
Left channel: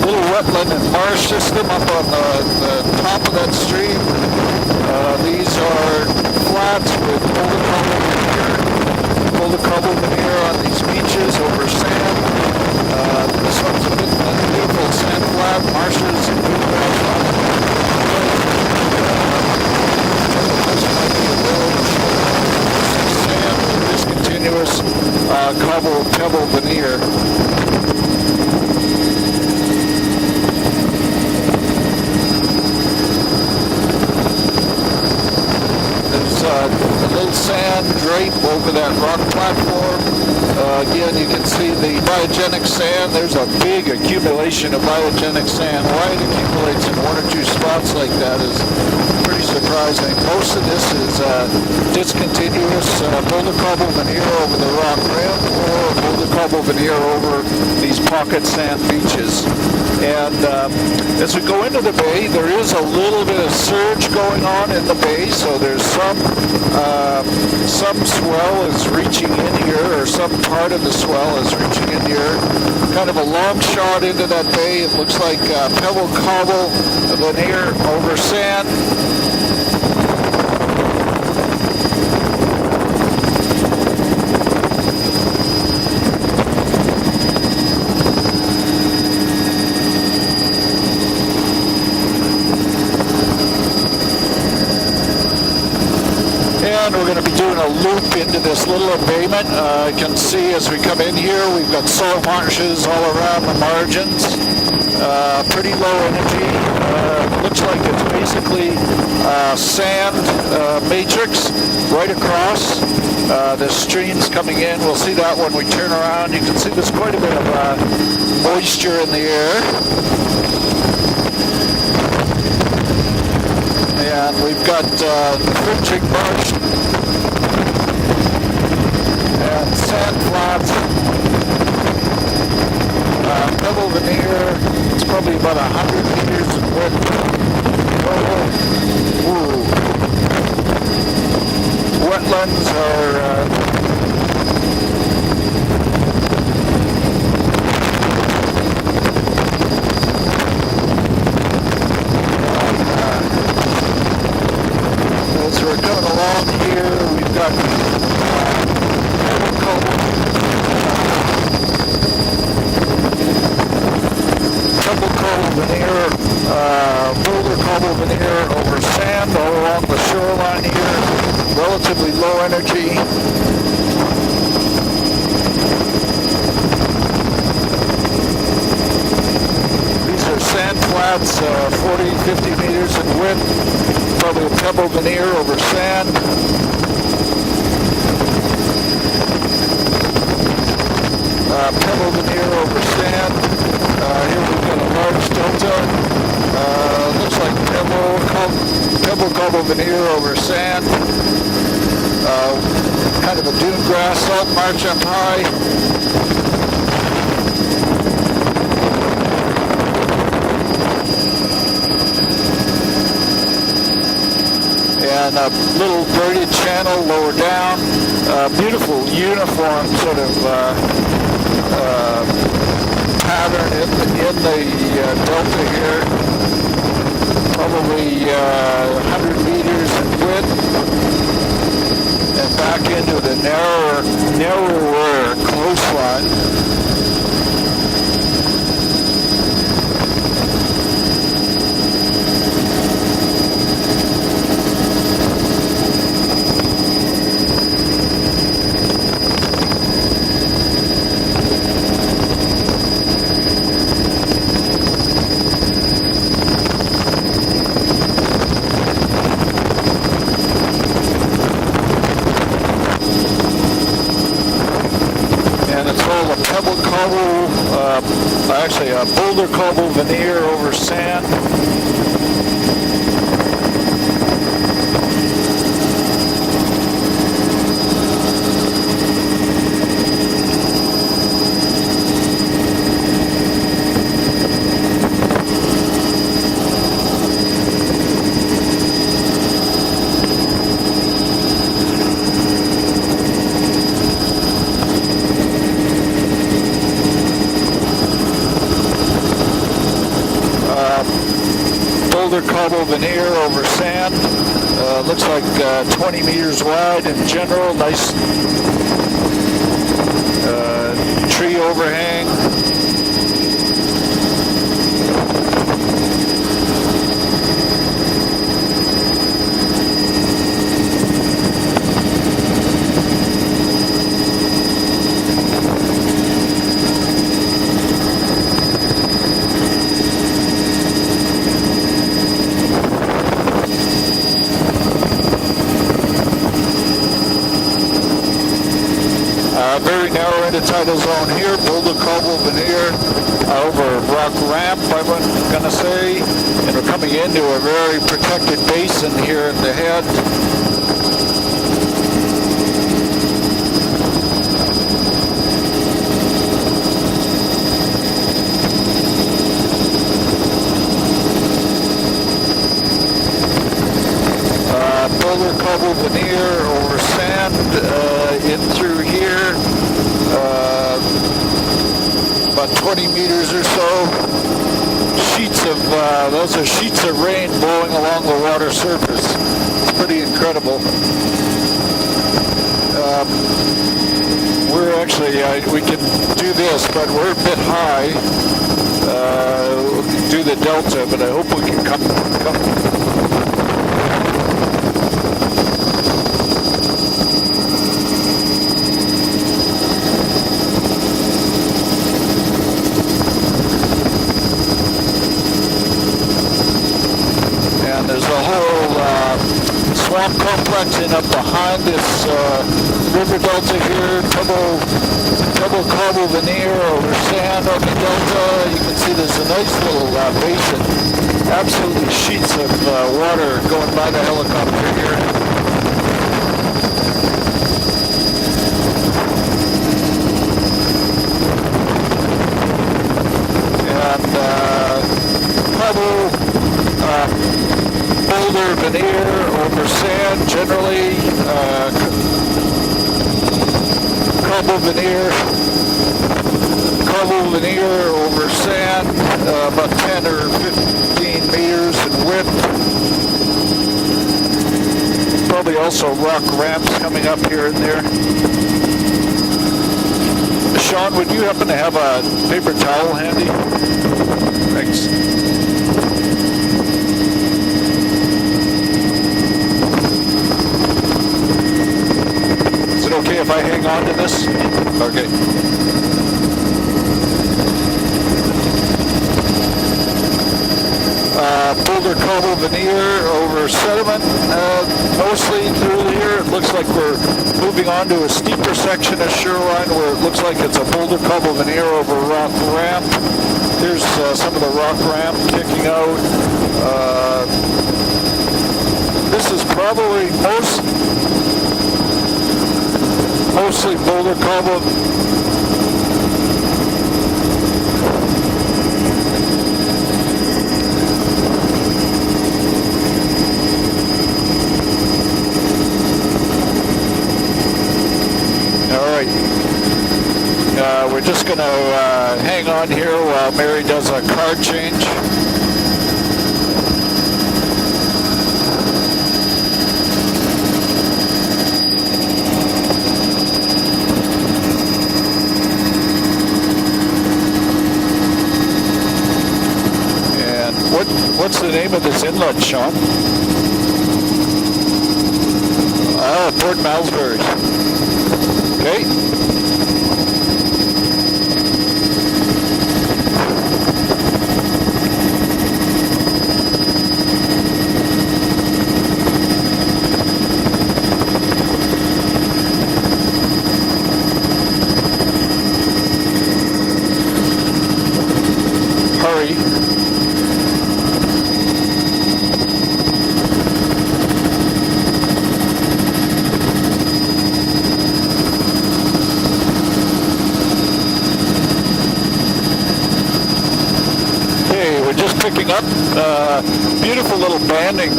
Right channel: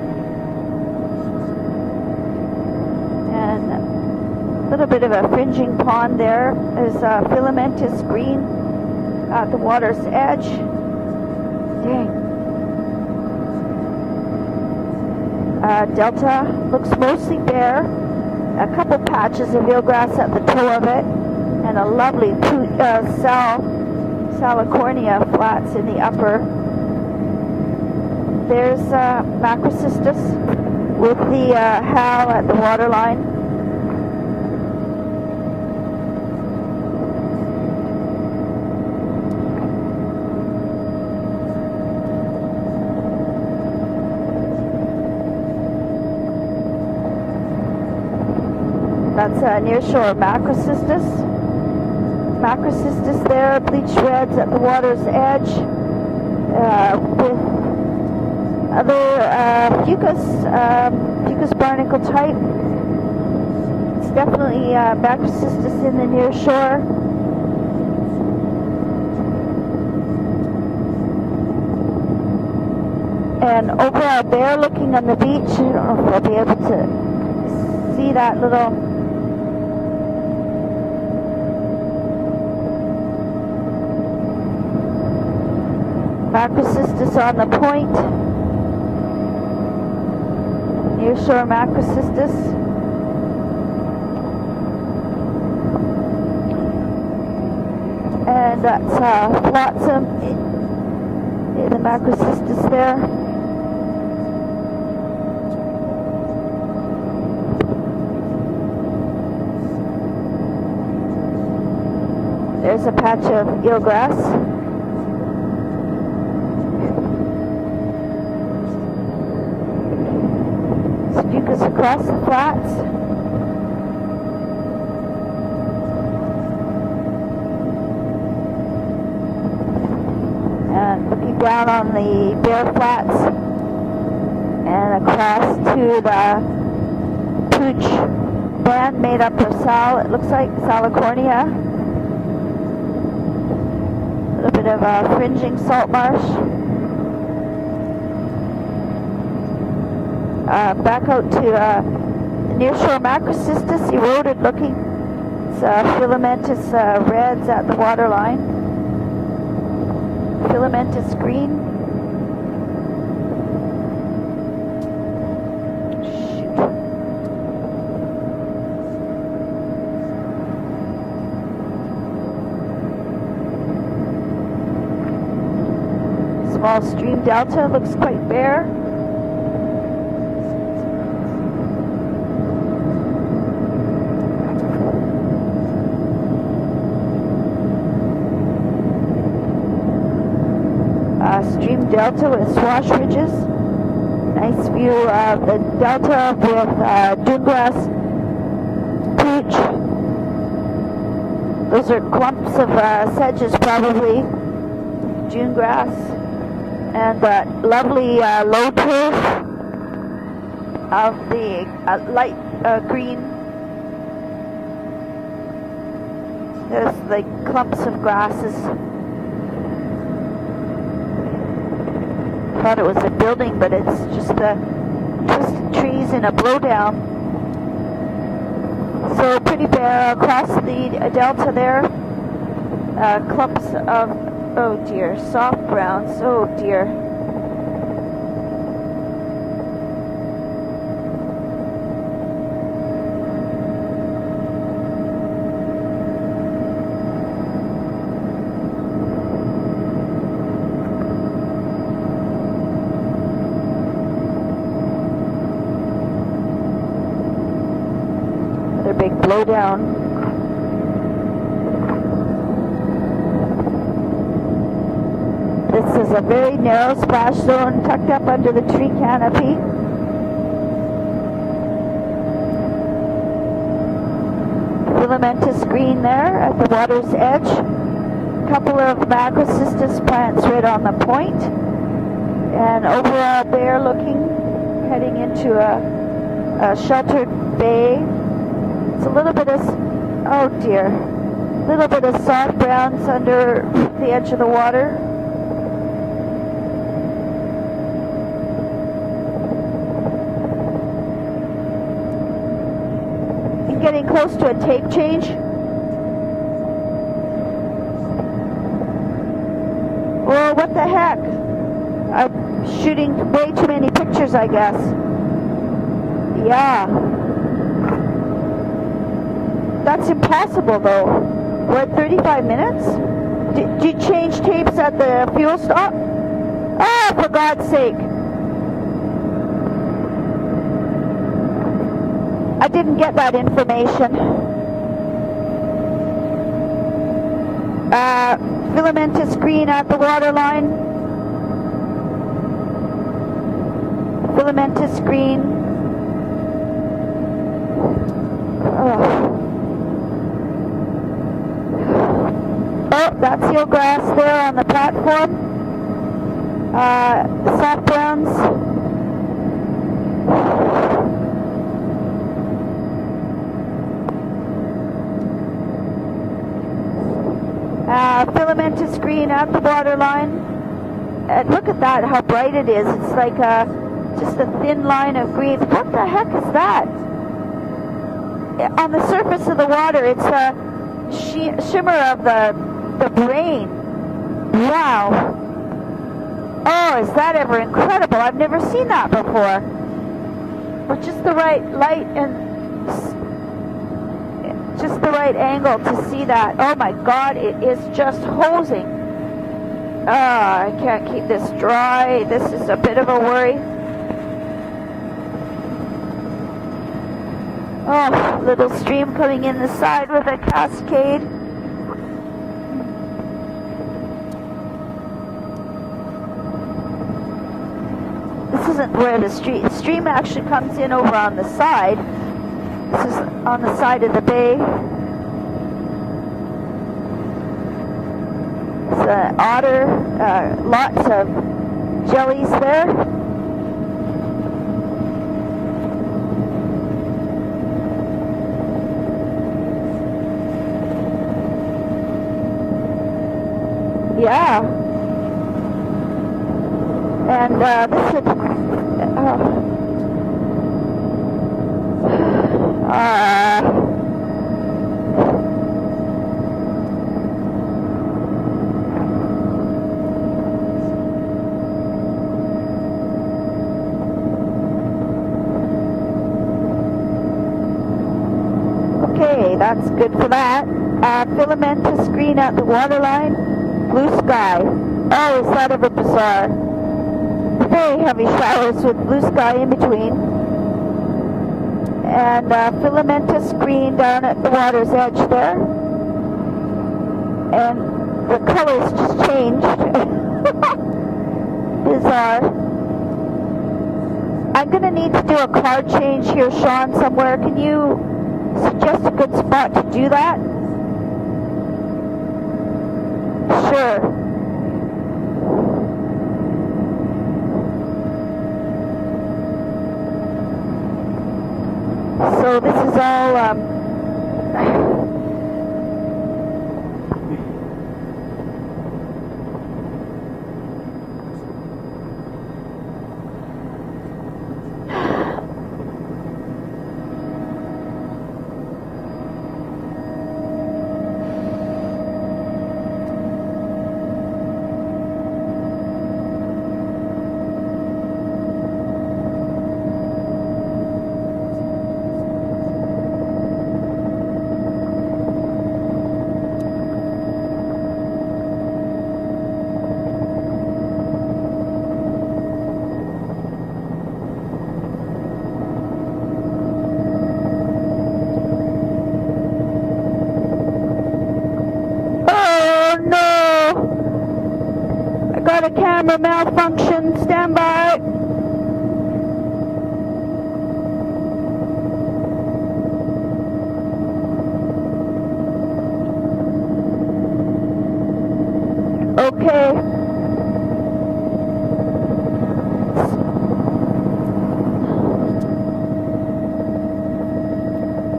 Little wetland and marsh system up on the top of that stream. These are flats with the cover here on these beaches over sand. This one's a beautiful sand flat marshes. California cobble veneer. There's Massachusetts with the Hal at the waterline. There's a little sand drape over that rock platform. Again, you can see the biogenic sand. There's a big accumulation of biogenic sand. Why it accumulates in one or two spots like that is pretty surprising. Most of this is discontinuous boulder cobble veneer over the rock platform, boulder cobble veneer over these pocket sand beaches. And as we go into the bay, there is a little bit of surge going on in the bay, so there's some swell is reaching in here, or some part of the swell is reaching in here. Kind of a long shot into that bay. It looks like pebble cobble veneer over sand. Massachusetts on the point. Near shore Massachusetts. And we're going to be doing a loop into this little embayment. You can see as we come in here, we've got salt marshes all around the margins. Pretty low energy. Looks like it's basically sand matrix right across. The streams coming in. We'll see that when we turn around. You can see there's quite a bit of moisture in the air. And we've got fringing marsh and sand flats. Down on the air flat. Pebble veneer. It's probably about 100 meters in width. Land made up of Cal. It looks like California. Wetlands are A bit of fringing salt marsh. Back out to near shore Massachusetts. The road is looking red at the waterline. Pebble cobble veneer, boulder cobble veneer over sand all along the shoreline here. Relatively low energy. Delta looks like there. These are sand flats, 40, 50 meters in width. Probably a pebble veneer over sand. Pebble veneer over sand. Here we've got a large delta. Looks like pebble cobble veneer over sand. Kind of a bluegrass salt march up high. And lovely low pool of the light green. And a little braided channel lower down. Beautiful uniform sort of pattern in the delta here. Probably 100 meters in width. Delta there. And back into the narrower coastline. Oh dear. Actually, a boulder cobble veneer over sand. Luminescent green there at the water's edge. A couple of tobacco systems planted on the point. And over out there looking heading into a sheltered bay. A little bit of, oh dear, a little bit of soft ground under the edge of the water. Boulder cobble veneer over sand. Looks like 20 meters wide in general. Nice tree overhang. I'm shooting way too many pictures, I guess. Yeah. That's impossible, though. What, 35 minutes? Did you change tapes at the fuel stop? Ah, for God's sake. I didn't get that information. Filamented green at the Very narrow in waterline. the tidal zone here. Boulder cobble veneer over rock ramp, I'm going to say. And we're coming into a very protected basin here in the head. Oh, that's your grass there on the platform. Background. Boulder cobble veneer over sand in through here. And look at that, how bright it is. About 20 meters or so. The thin line of Sheets green. of, those are sheets of rain blowing along the water surface. On the surface of the water, Pretty it's incredible. the shimmer of the rain. Wow. Actually, we can do this, but is we're a that bit ever high. incredible? I've never seen that before. Do the delta, but I hope we can come. The right angle to see that. Oh my God, it is just holding. It's just dry. This is a bit of a worry. Yeah, there's a whole swamp complex up behind this river delta here. Double cobble veneer over sand on the delta. You can see there's a nice little basin. Absolutely sheets of water going by the helicopter here. Otter, lots of jellies there. And cobble, boulder veneer over sand generally. Cobble veneer. Cobble veneer over sand, about 10 or 15 meters in width. Probably also rock ramps coming up here and there. Sean, would you happen to have a paper towel handy? Thanks. Okay, that's good for that. Filamented green at the waterline. Is it okay if I hang on to this? Okay. Oh, instead of it's very heavy flowers with blue sky in between. Boulder cobble veneer over sediment, mostly through here. It looks like we're moving on to a steeper section of shoreline where it looks like it's a boulder cobble veneer over rock ramp. Here's some of the rock ramp kicking out. This is probably mostly boulder cobble. So this is all, all right. We're just going to hang on here while Mary does a card change. What's the name of this inlet, Sean? Port Malmesbury. Okay. oh no! Got a camera malfunction, stand by. Hurry. Okay. Okay, we're just picking up. Beautiful little banding.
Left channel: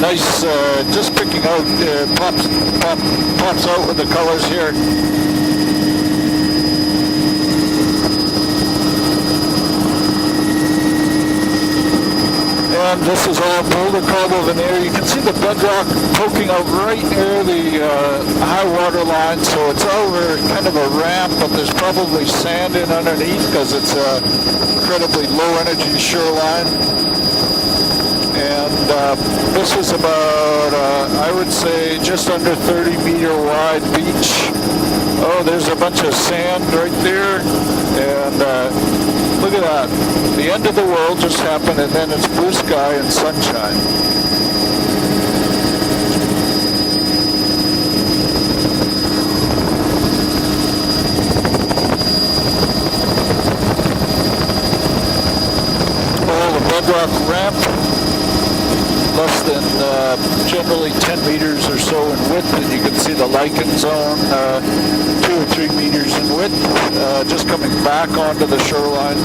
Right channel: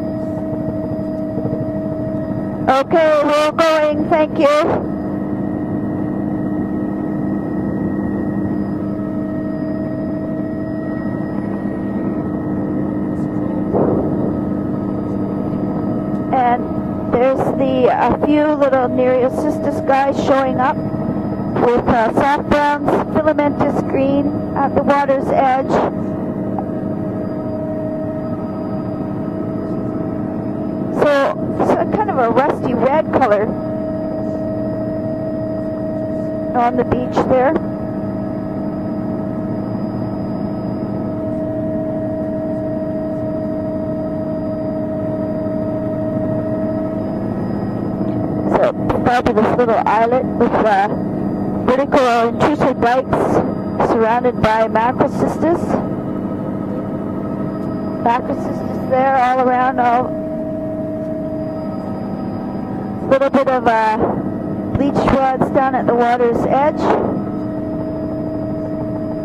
Nice, just picking out. Pops out with the colors here. And this is all boulder cobble veneer. You can see the bedrock poking out right near the high water line, so it's over kind of a ramp, but there's probably sand in underneath because it's a incredibly low energy shoreline. And this is about, I would say, just under 30 meter wide beach. Oh, there's a bunch of sand right there, and look at that. The end of the world just happened, and then it's blue sky and sunshine. Part of this little island with beautiful people boats surrounded by massive distance. Oh, the bedrock ramp. Less than generally 10 meters or so in width, and you can see the lichen zone 2 or 3 meters in width, just coming back onto the shoreline.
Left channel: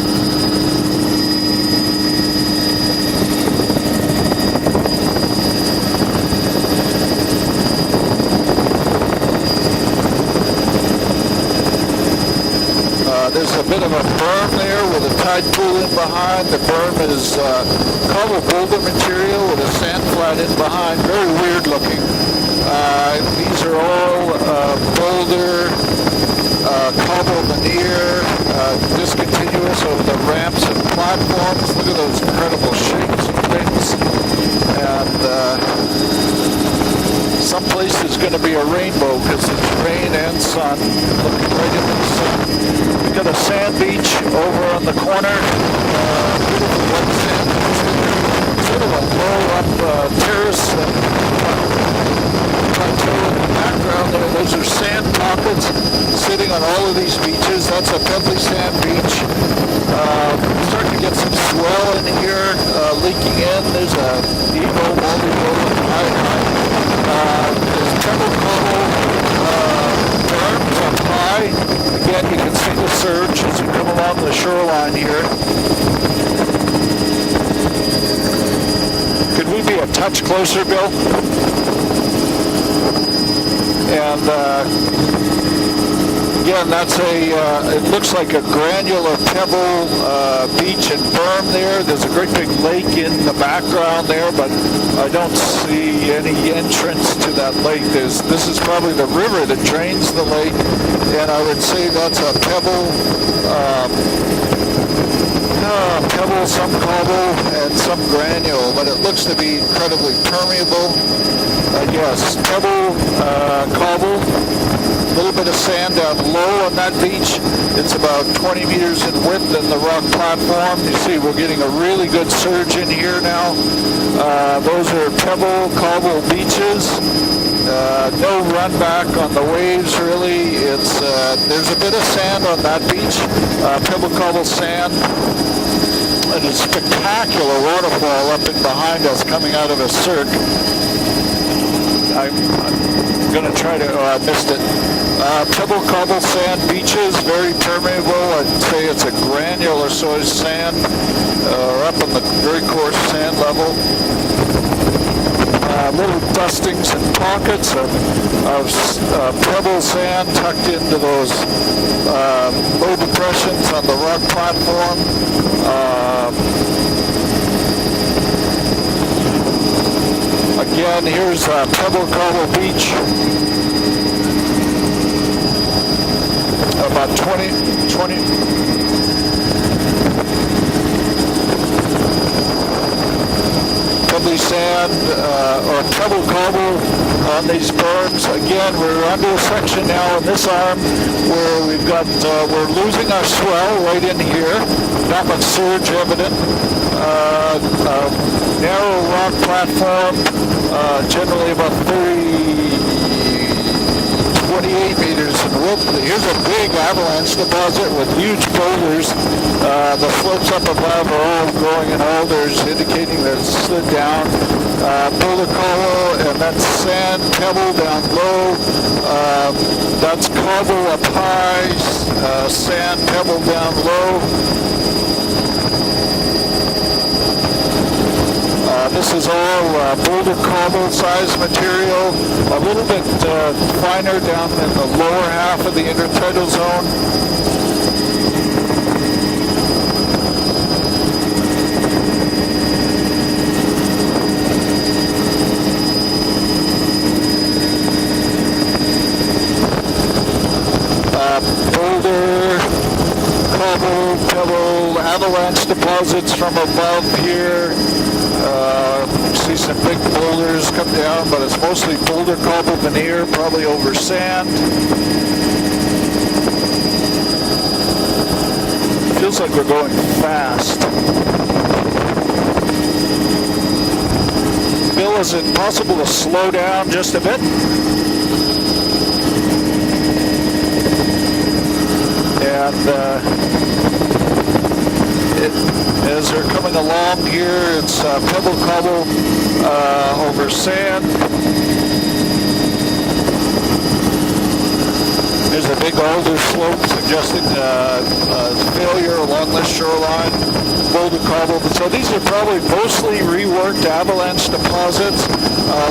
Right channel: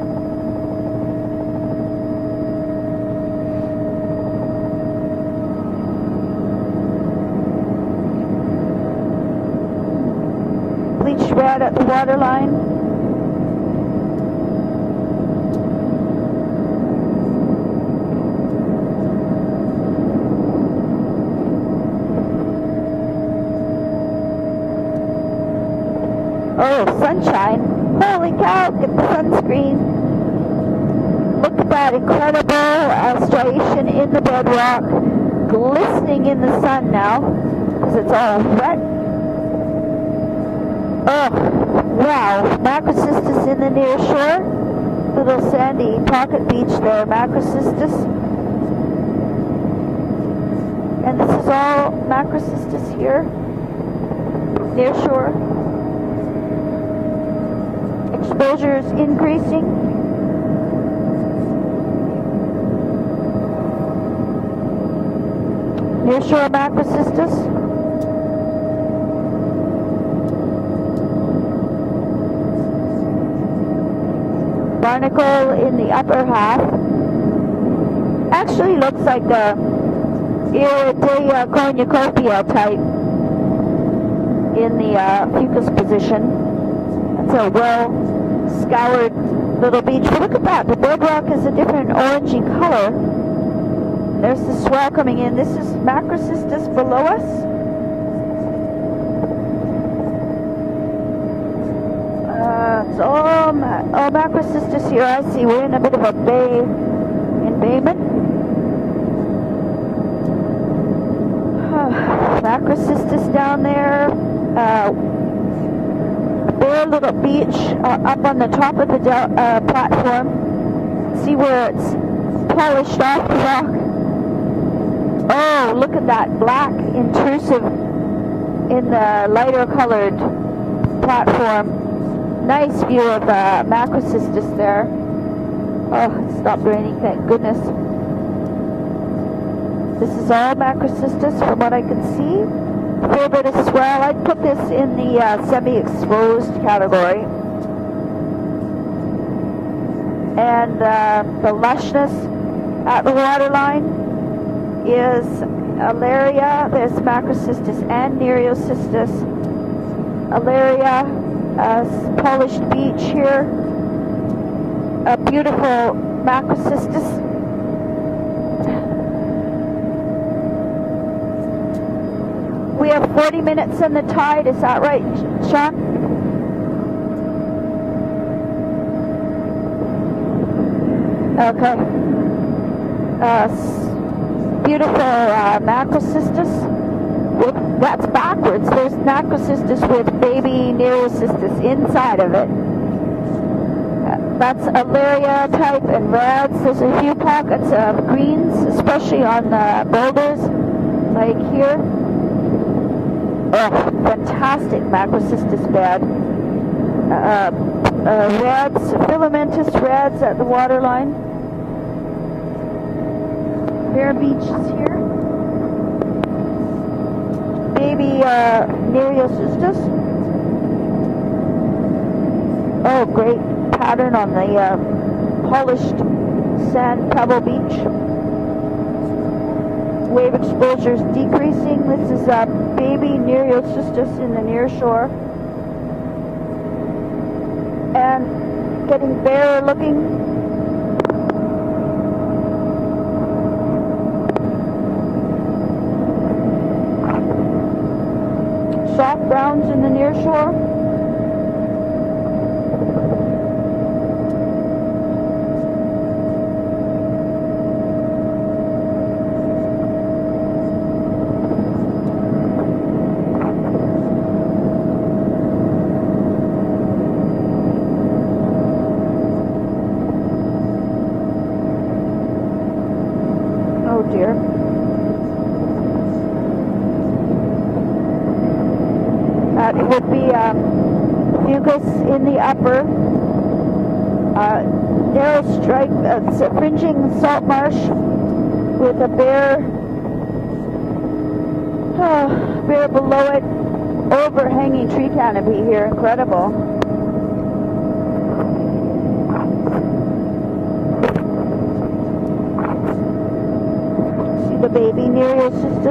There's a bit of a berm there with a tide pool in behind. The berm is cobble boulder material with a sand flat in behind. Very weird looking. These are all boulder, cobble veneer, discontinuous over the ramps and platforms. Look at those incredible shapes and things. And some places is going to be a rainbow because it's rain and sun. We've got a sand beach over on the corner. Sort of a blow-up terrace plateau in the background there. Those are sand rapids sitting on all of these beaches. That's a pebbly sand beach. Starting to get some swell in here, leaking in. There's a Evo multi-boat in the background. There's pebble cobble berms up high. Again, you can see the surge as you come along the shoreline here. Actually looks like Could we be a touch closer, Bill? And again, that's it looks like a granular pebble beach and berm there. There's a great big lake in the background there, but I don't see any entrance to that lake. This is probably the river that drains the lake, and I would say that's a pebble, pebble, some cobble, and some granule, but it looks to be incredibly permeable. Yes, pebble, cobble, a little bit of sand down low on that beach. It's about 20 meters in width in the rock platform. You see we're getting a really good surge in here now. Those are pebble, cobble beaches. No run back on the waves really. There's a bit of sand on that beach, pebble, cobble sand. And a spectacular waterfall up in behind us coming out of a surge. I'm going to try to distance. Pebble cobble sand beaches, very permeable. I'd say it's a granular sort of sand, up on the very coarse sand level. Little dustings and pockets of pebble sand tucked into those low depressions on the rock platform. Again, here's Pebble Cobble Beach. 40 minutes from the tide, is that right, Chuck? About 20. Pebbly sand, Pebble Cobble on these berms. Again, we're on this section now on this arm where we've got, we're losing our swell right in here. Not much surge evident. Narrow rock platform, generally about 48 meters in width. Here's a big avalanche deposit with huge boulders. The slopes up above are all growing in alders, indicating that it's slid down. Boulder coral and then sand, pebble down low. That's cobble up high, sand pebble down low. This is all boulder cobble size material, a little bit finer down in the lower half of the intertidal zone. And sitting there looking. Drop down from the near shore. Boulder, cobble, pebble, avalanche deposits from above here. See some big boulders come down, but it's mostly boulder cobble veneer, probably over sand. Feels like we're going fast. Oh dear. Bill, is it possible to slow down just a bit? It would be in the upper. As they're coming along here, it's pebble cobble over sand. There below it, overhanging tree canopy. There's a big boulder slope suggesting failure along this shoreline. Boulder cobble. So these are probably mostly reworked avalanche deposits,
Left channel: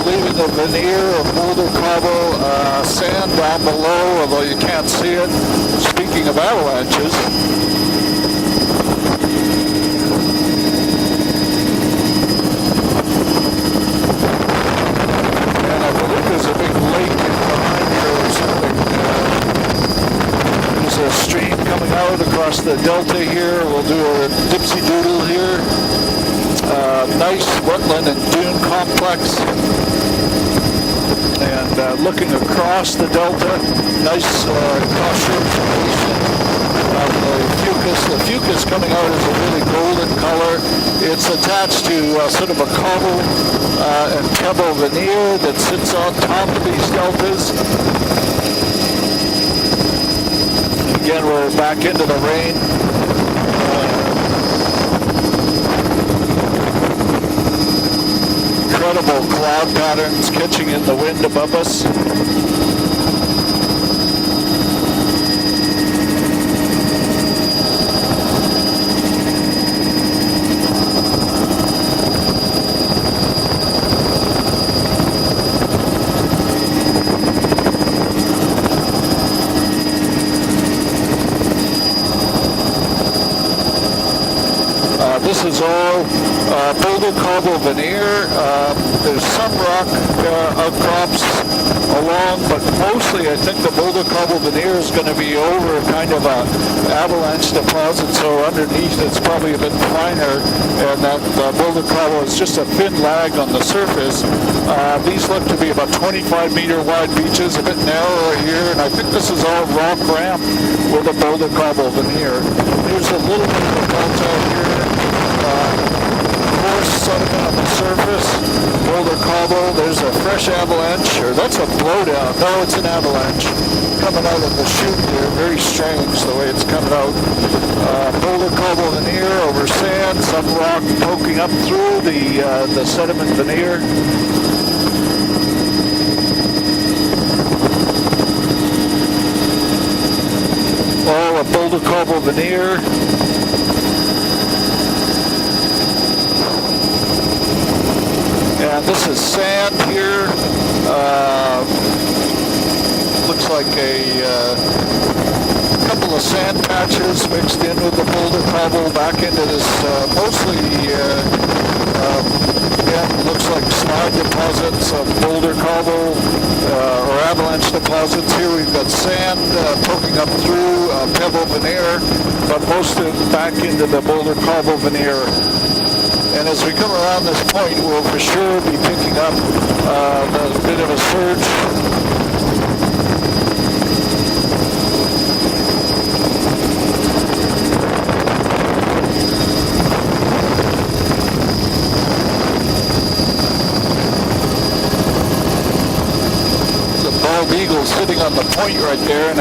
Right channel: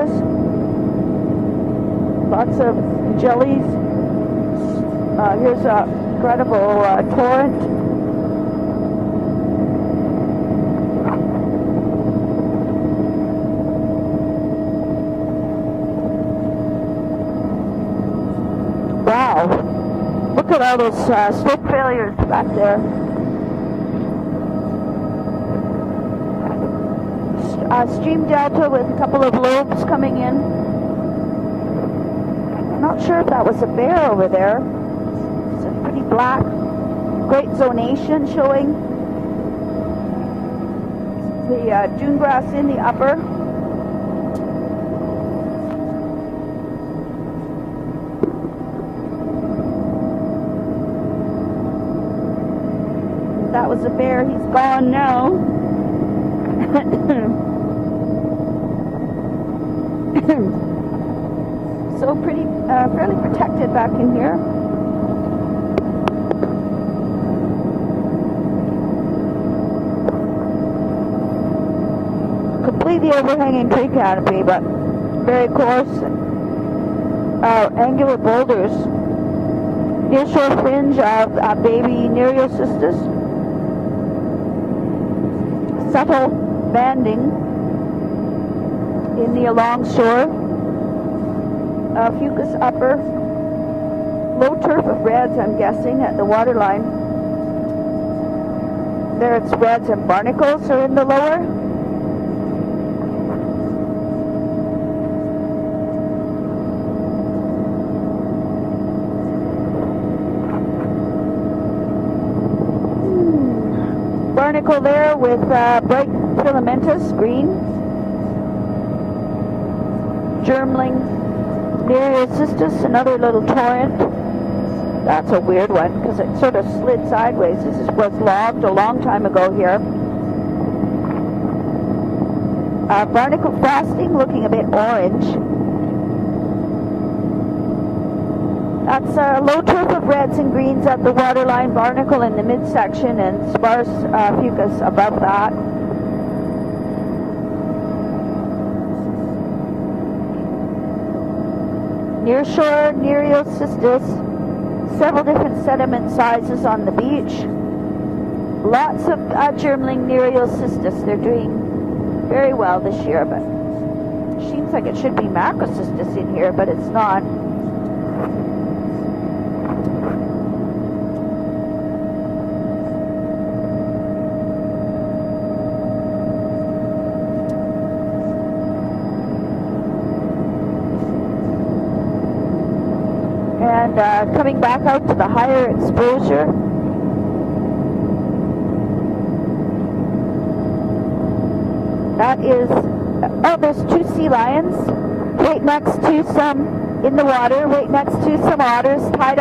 leaving a veneer of boulder cobble, sand down below, although you can't see it. Speaking of avalanches. There's a stream coming out across the delta here. We'll do a dipsy doodle here. Nice wetland and dune complex. And looking across the delta, nice cross-shore. The fucus coming out is a really golden color. It's attached to sort of a cobble and pebble veneer that sits on top of these deltas. Again, we're back into the rain. Incredible cloud patterns catching in the wind above us. Completely overhanging tree canopy, but very coarse annual boulders. Winds are bathing near sisters. This is all boulder cobble veneer. There's some rock outcrops along, but mostly I think the boulder cobble veneer is going to be over kind of an avalanche deposit, so underneath it's probably a bit finer, and that boulder cobble is just a thin lag on the surface. These look to be about 25-meter wide beaches, a bit narrower here, and I think this is all rock ramp with a boulder cobble veneer. Here's a little bit of on the surface, boulder cobble. There's a fresh avalanche, or that's a blowdown. No, it's an avalanche coming out of the chute here. Very strange the way it's coming out. Boulder cobble veneer over sand, some rock poking up through the sediment veneer. That's low surface reds and greens of the waterline barnacle in the midsection and large above that. And this is sand here. Looks like a couple of sand patches mixed in with the boulder cobble back into this mostly it looks like slide deposits of boulder cobble or avalanche deposits. Here we've got sand poking up through pebble veneer, but most of it back into the boulder cobble veneer. And as we come around this point, we'll for sure be picking up a bit of a surge. And coming back out to the higher exposure. That is, those two sea lions. Some bald eagles sitting on the point right there. I'm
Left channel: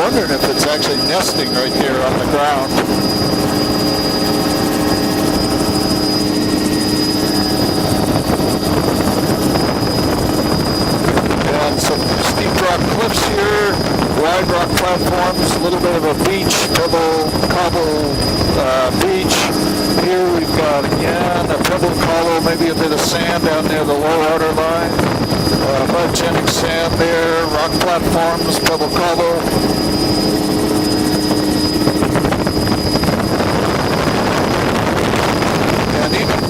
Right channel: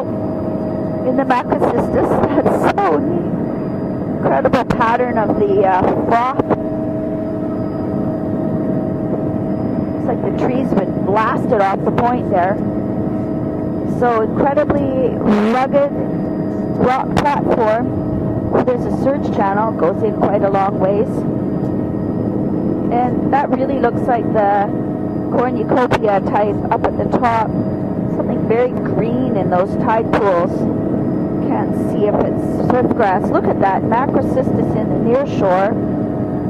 wondering if it's actually nesting right there on the ground. Look at the pattern of the rock. And some north there. Steep rock cliffs here, So wide rock platforms, a little bit of a beach, pebble beach. Here we've got, again, a pebble collar, maybe a bit of sand down near the low water line. A bunch of sand there, rock platforms, pebble collar. Those tide pools. Get a good grasp. Look at that. Back up the shore. And even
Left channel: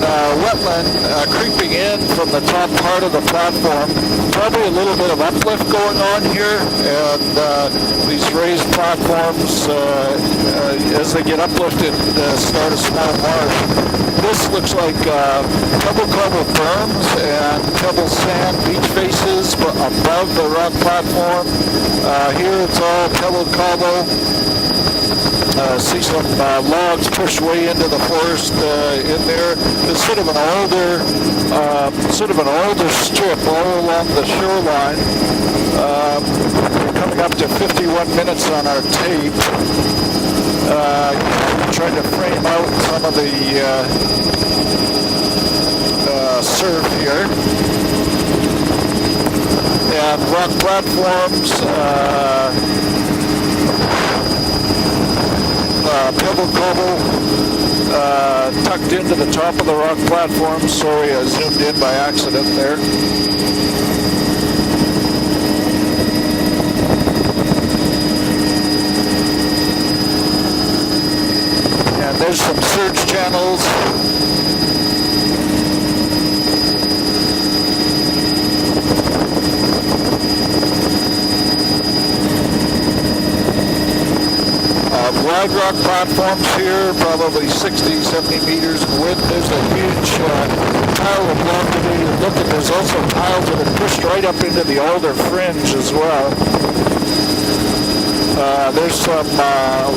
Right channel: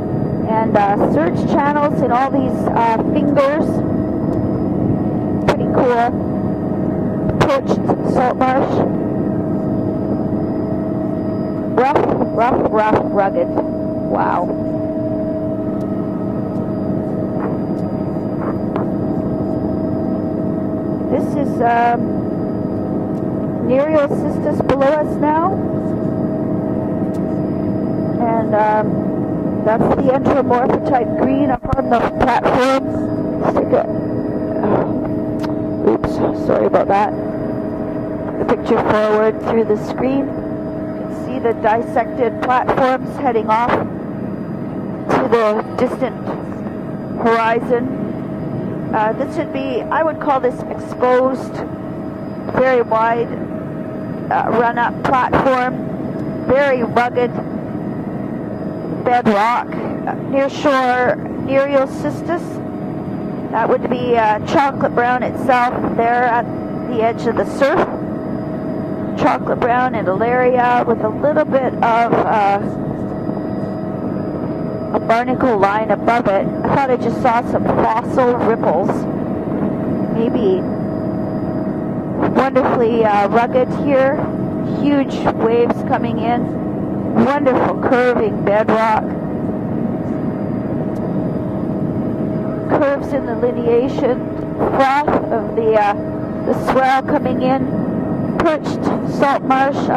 wetland creeping in from the top part of the platform. Probably a little bit of uplift going on here, and these raised platforms, as they get uplifted, start a small marsh. This looks like pebble covered berms and pebble sand beach faces above the rock platform. Here it's all pebble cover. See some logs pushed way into the forest in there. It's sort of an older strip all along the shoreline. Coming up to 51 minutes on our tape. Trying to frame out some of the surf here. And rock platforms. Very wide. Run-up platform. Pebble very gravel. rugged. Tucked into the top of the rock platform. Sorry, I zoomed in by accident there. That would be chocolate brown itself there at the edge of the surf. Chocolate brown in the area with a little bit of there's some surge channels. A barnacle line above it. I thought it just saw some fossil ripples. Wonderfully rugged here. Wide rock platforms here, probably 60, 70 meters in width. There's a huge pile of rock debris. Look at there's also piles that are pushed right up into the older fringe as well. Coming in. There's some a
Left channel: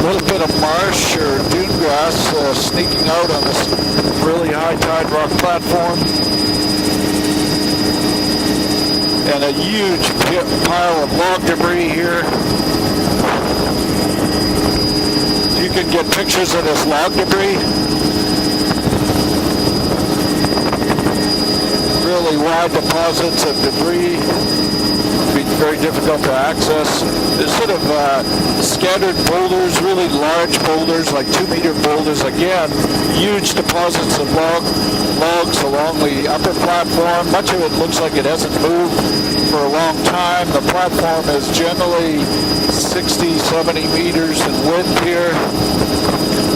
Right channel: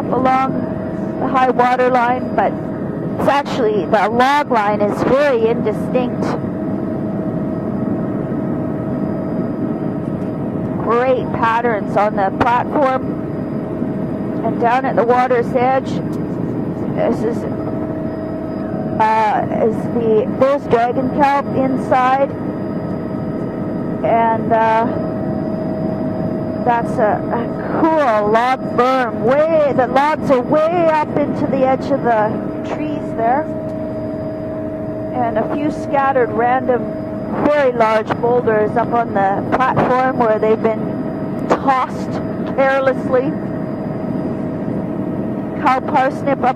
little bit of marsh or deep grass sneaking out on this very high tide rock platform. And a huge pile of log debris here. And down at the water's edge. You could get pictures of this log debris. It's the big garden inside. Really wide deposits of debris. And be very difficult to access. There's sort of scattered boulders, really large boulders, like 2-meter boulders. Again, huge deposits of logs along the upper platform. Much of it looks like it hasn't moved for a long time. The platform is generally 60, 70 meters in width here.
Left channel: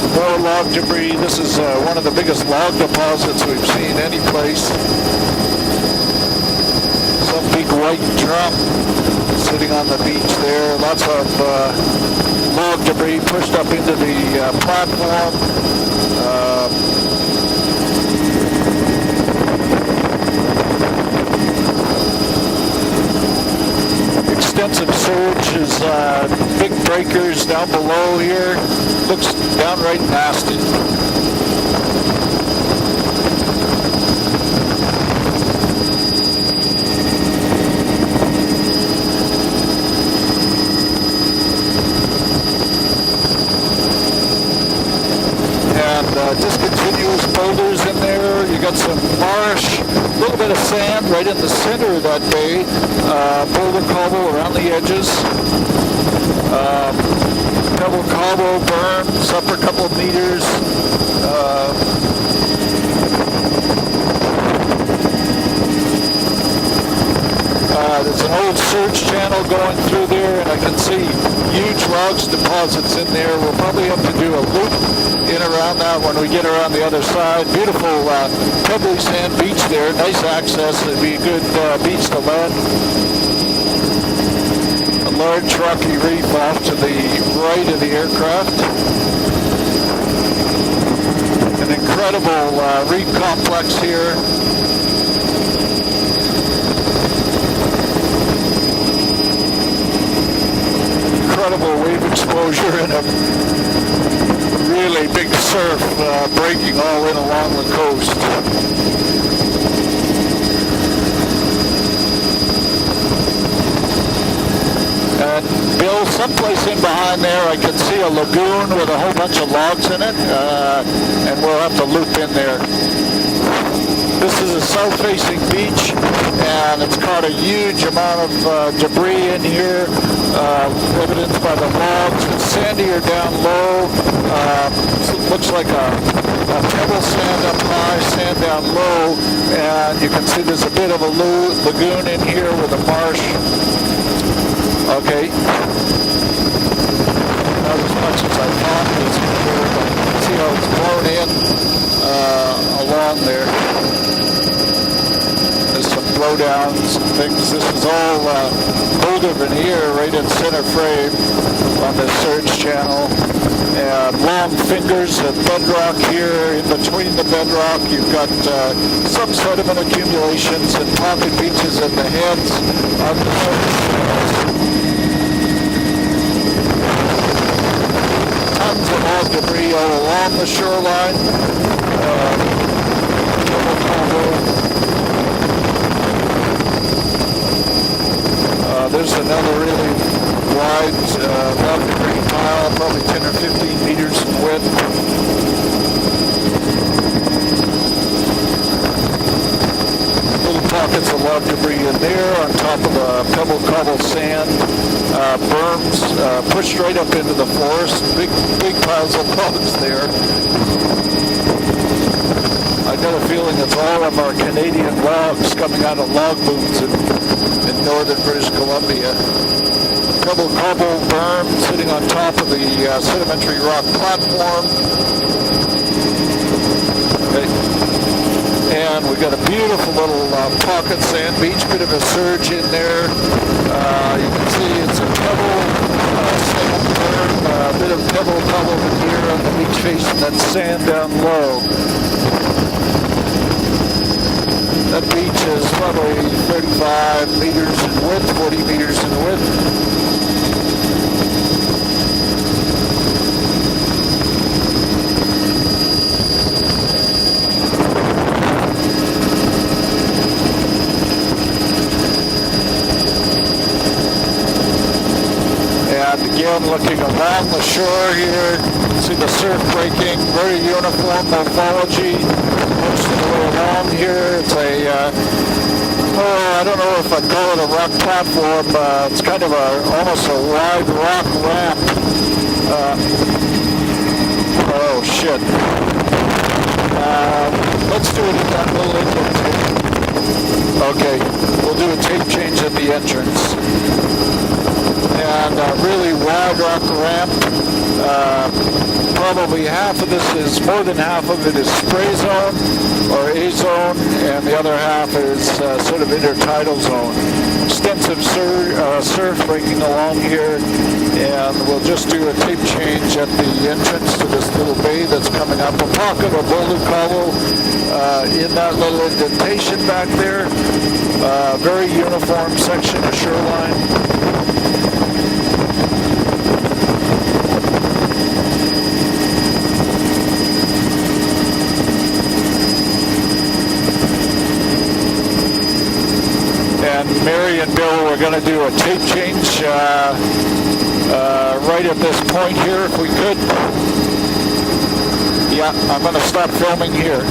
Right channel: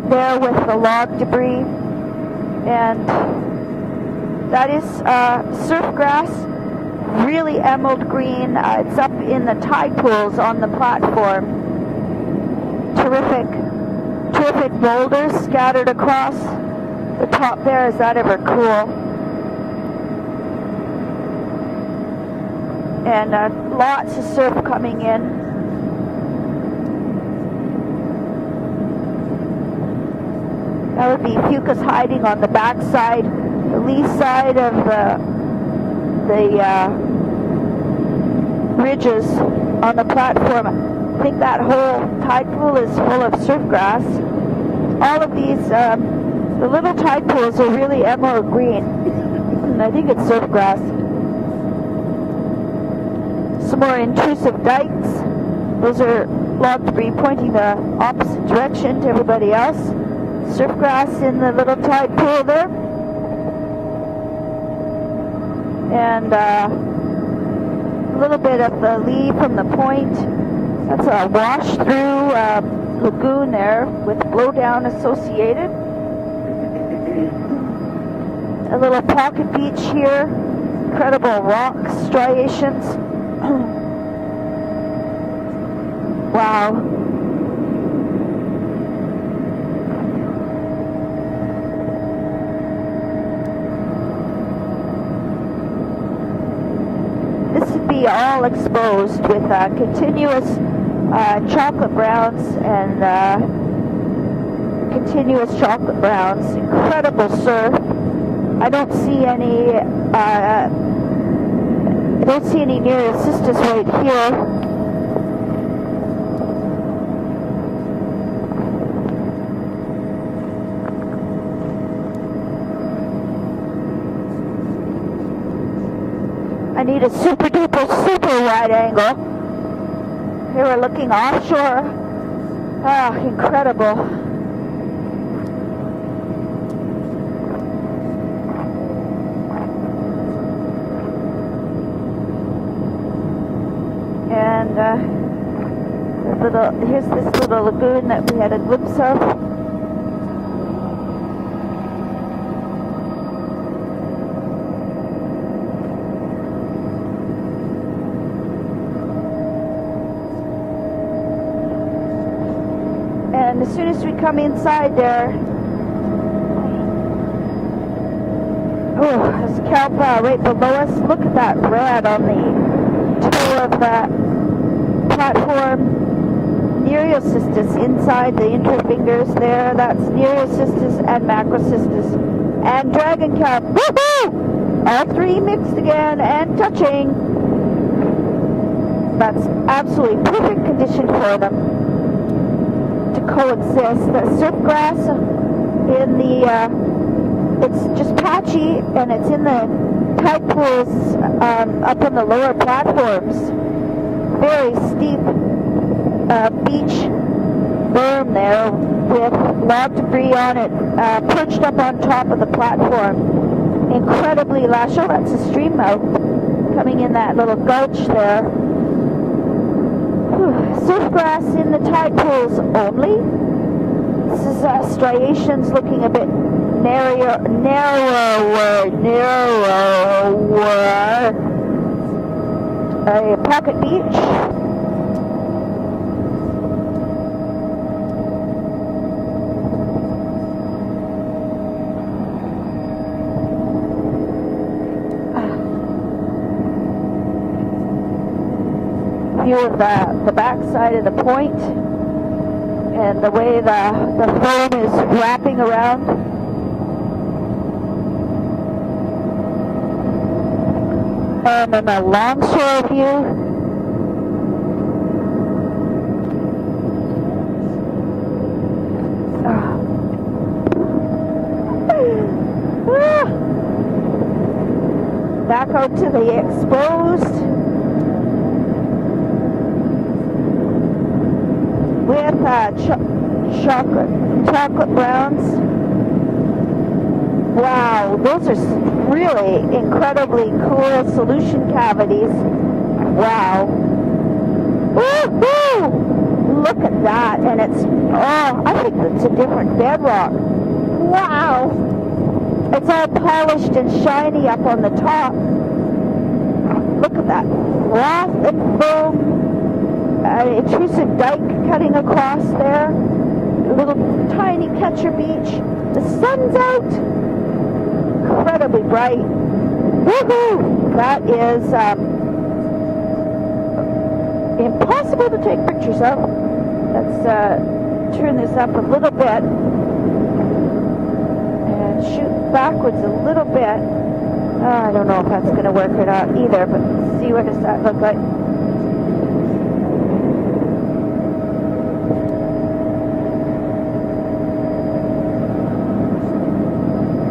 More log debris. This is one of the biggest log deposits we've seen any place. That is grass. Really big white drum sitting on the beach there. Lots of log debris pushed up into the platform. Scattered across the top there. Is that ever cool? And extensive surges, big breakers down below here. Looks downright nasty. Oh, you see some hiding on the back side, east side of the ridges on the platform. I think that whole tide pool is full of fish grass. All of these and discontinuous boulders in there. You got some marsh, a little bit of sand right in the center of that bay. Boulder cobble around the edges. Pebble cobble berms up a couple meters. Fish grass in the little tide pool there. And there's an old surge channel going through there, and I can see huge logs deposits in there. We'll probably have to do a loop in around that when we get around the other side. Beautiful pebble sand beach there, nice access, a good beach to mud. A large rocky reef off to the right of the aircraft. An incredible reef complex here. All exposed with continuous incredible wave exposure and really big surf breaking all in along the coast. I don't see any And Bill, someplace in behind there, I can see a lagoon with a whole bunch of logs in it, and we'll have to loop in there. This is a south-facing beach, and it's got a huge amount of debris in here. Underneath by the logs, it's sandier down low. It looks like a pebble sand up high, sand down low, and you can see there's a bit of a lagoon in here with a marsh. Okay. See how it's blown in along there. There's some blowdowns and things. This is all boulder veneer right in center frame on the surge channel. And long fingers of bedrock here. In between the bedrock, you've got some sediment accumulations and pocket beaches at the ends. Tons of old debris along the shoreline. And what is that? After Michigan and cooking. There's another really wide debris pile, probably 10 or 15 meters in width. In the tacky, and it's in the Pockets of log debris in there on top of pebble cobble sand. Berms pushed right up into the forest. Big piles of bones there. Pushed up on top of the platform. I got a feeling it's all of our Canadian logs coming out of log booms in northern British Columbia. Pebble cobble berm sitting on top of the sedimentary rock platform. And we got a beautiful little pocket sand beach, bit of a surge in there. You can see it's a pebble sand berm, a bit of pebble cobble here on the beach face, and then sand down low. That beach is probably 35 meters in width, 40 meters in width. The back side of the point, and the way the foam is wrapping around. And a long shore view. And again, looking along the shore here, see the surf breaking, very uniform morphology. Most of the way along here, it's a, I don't know if I'd call it a rock platform. It's kind of almost a wide rock ramp. Oh, shit. Let's do it. Really incredibly cool. Okay, we'll do a tape change at the entrance. And really wide rock ramp. Probably half of this is, more than half of it is spray zone or A zone, and the other half is sort of intertidal zone. Extensive surf breaking along here, and we'll just do a tape change at the entrance to this little bay that's coming up. A pocket of little cobble in that little indentation back there. Very uniform section of shoreline. Up a little bit. Back with a little bit. I don't know if I'm going to work it out either. And Mary and Bill are going to do a tape change right at this point here if we could. Yeah, I'm going to stop filming here.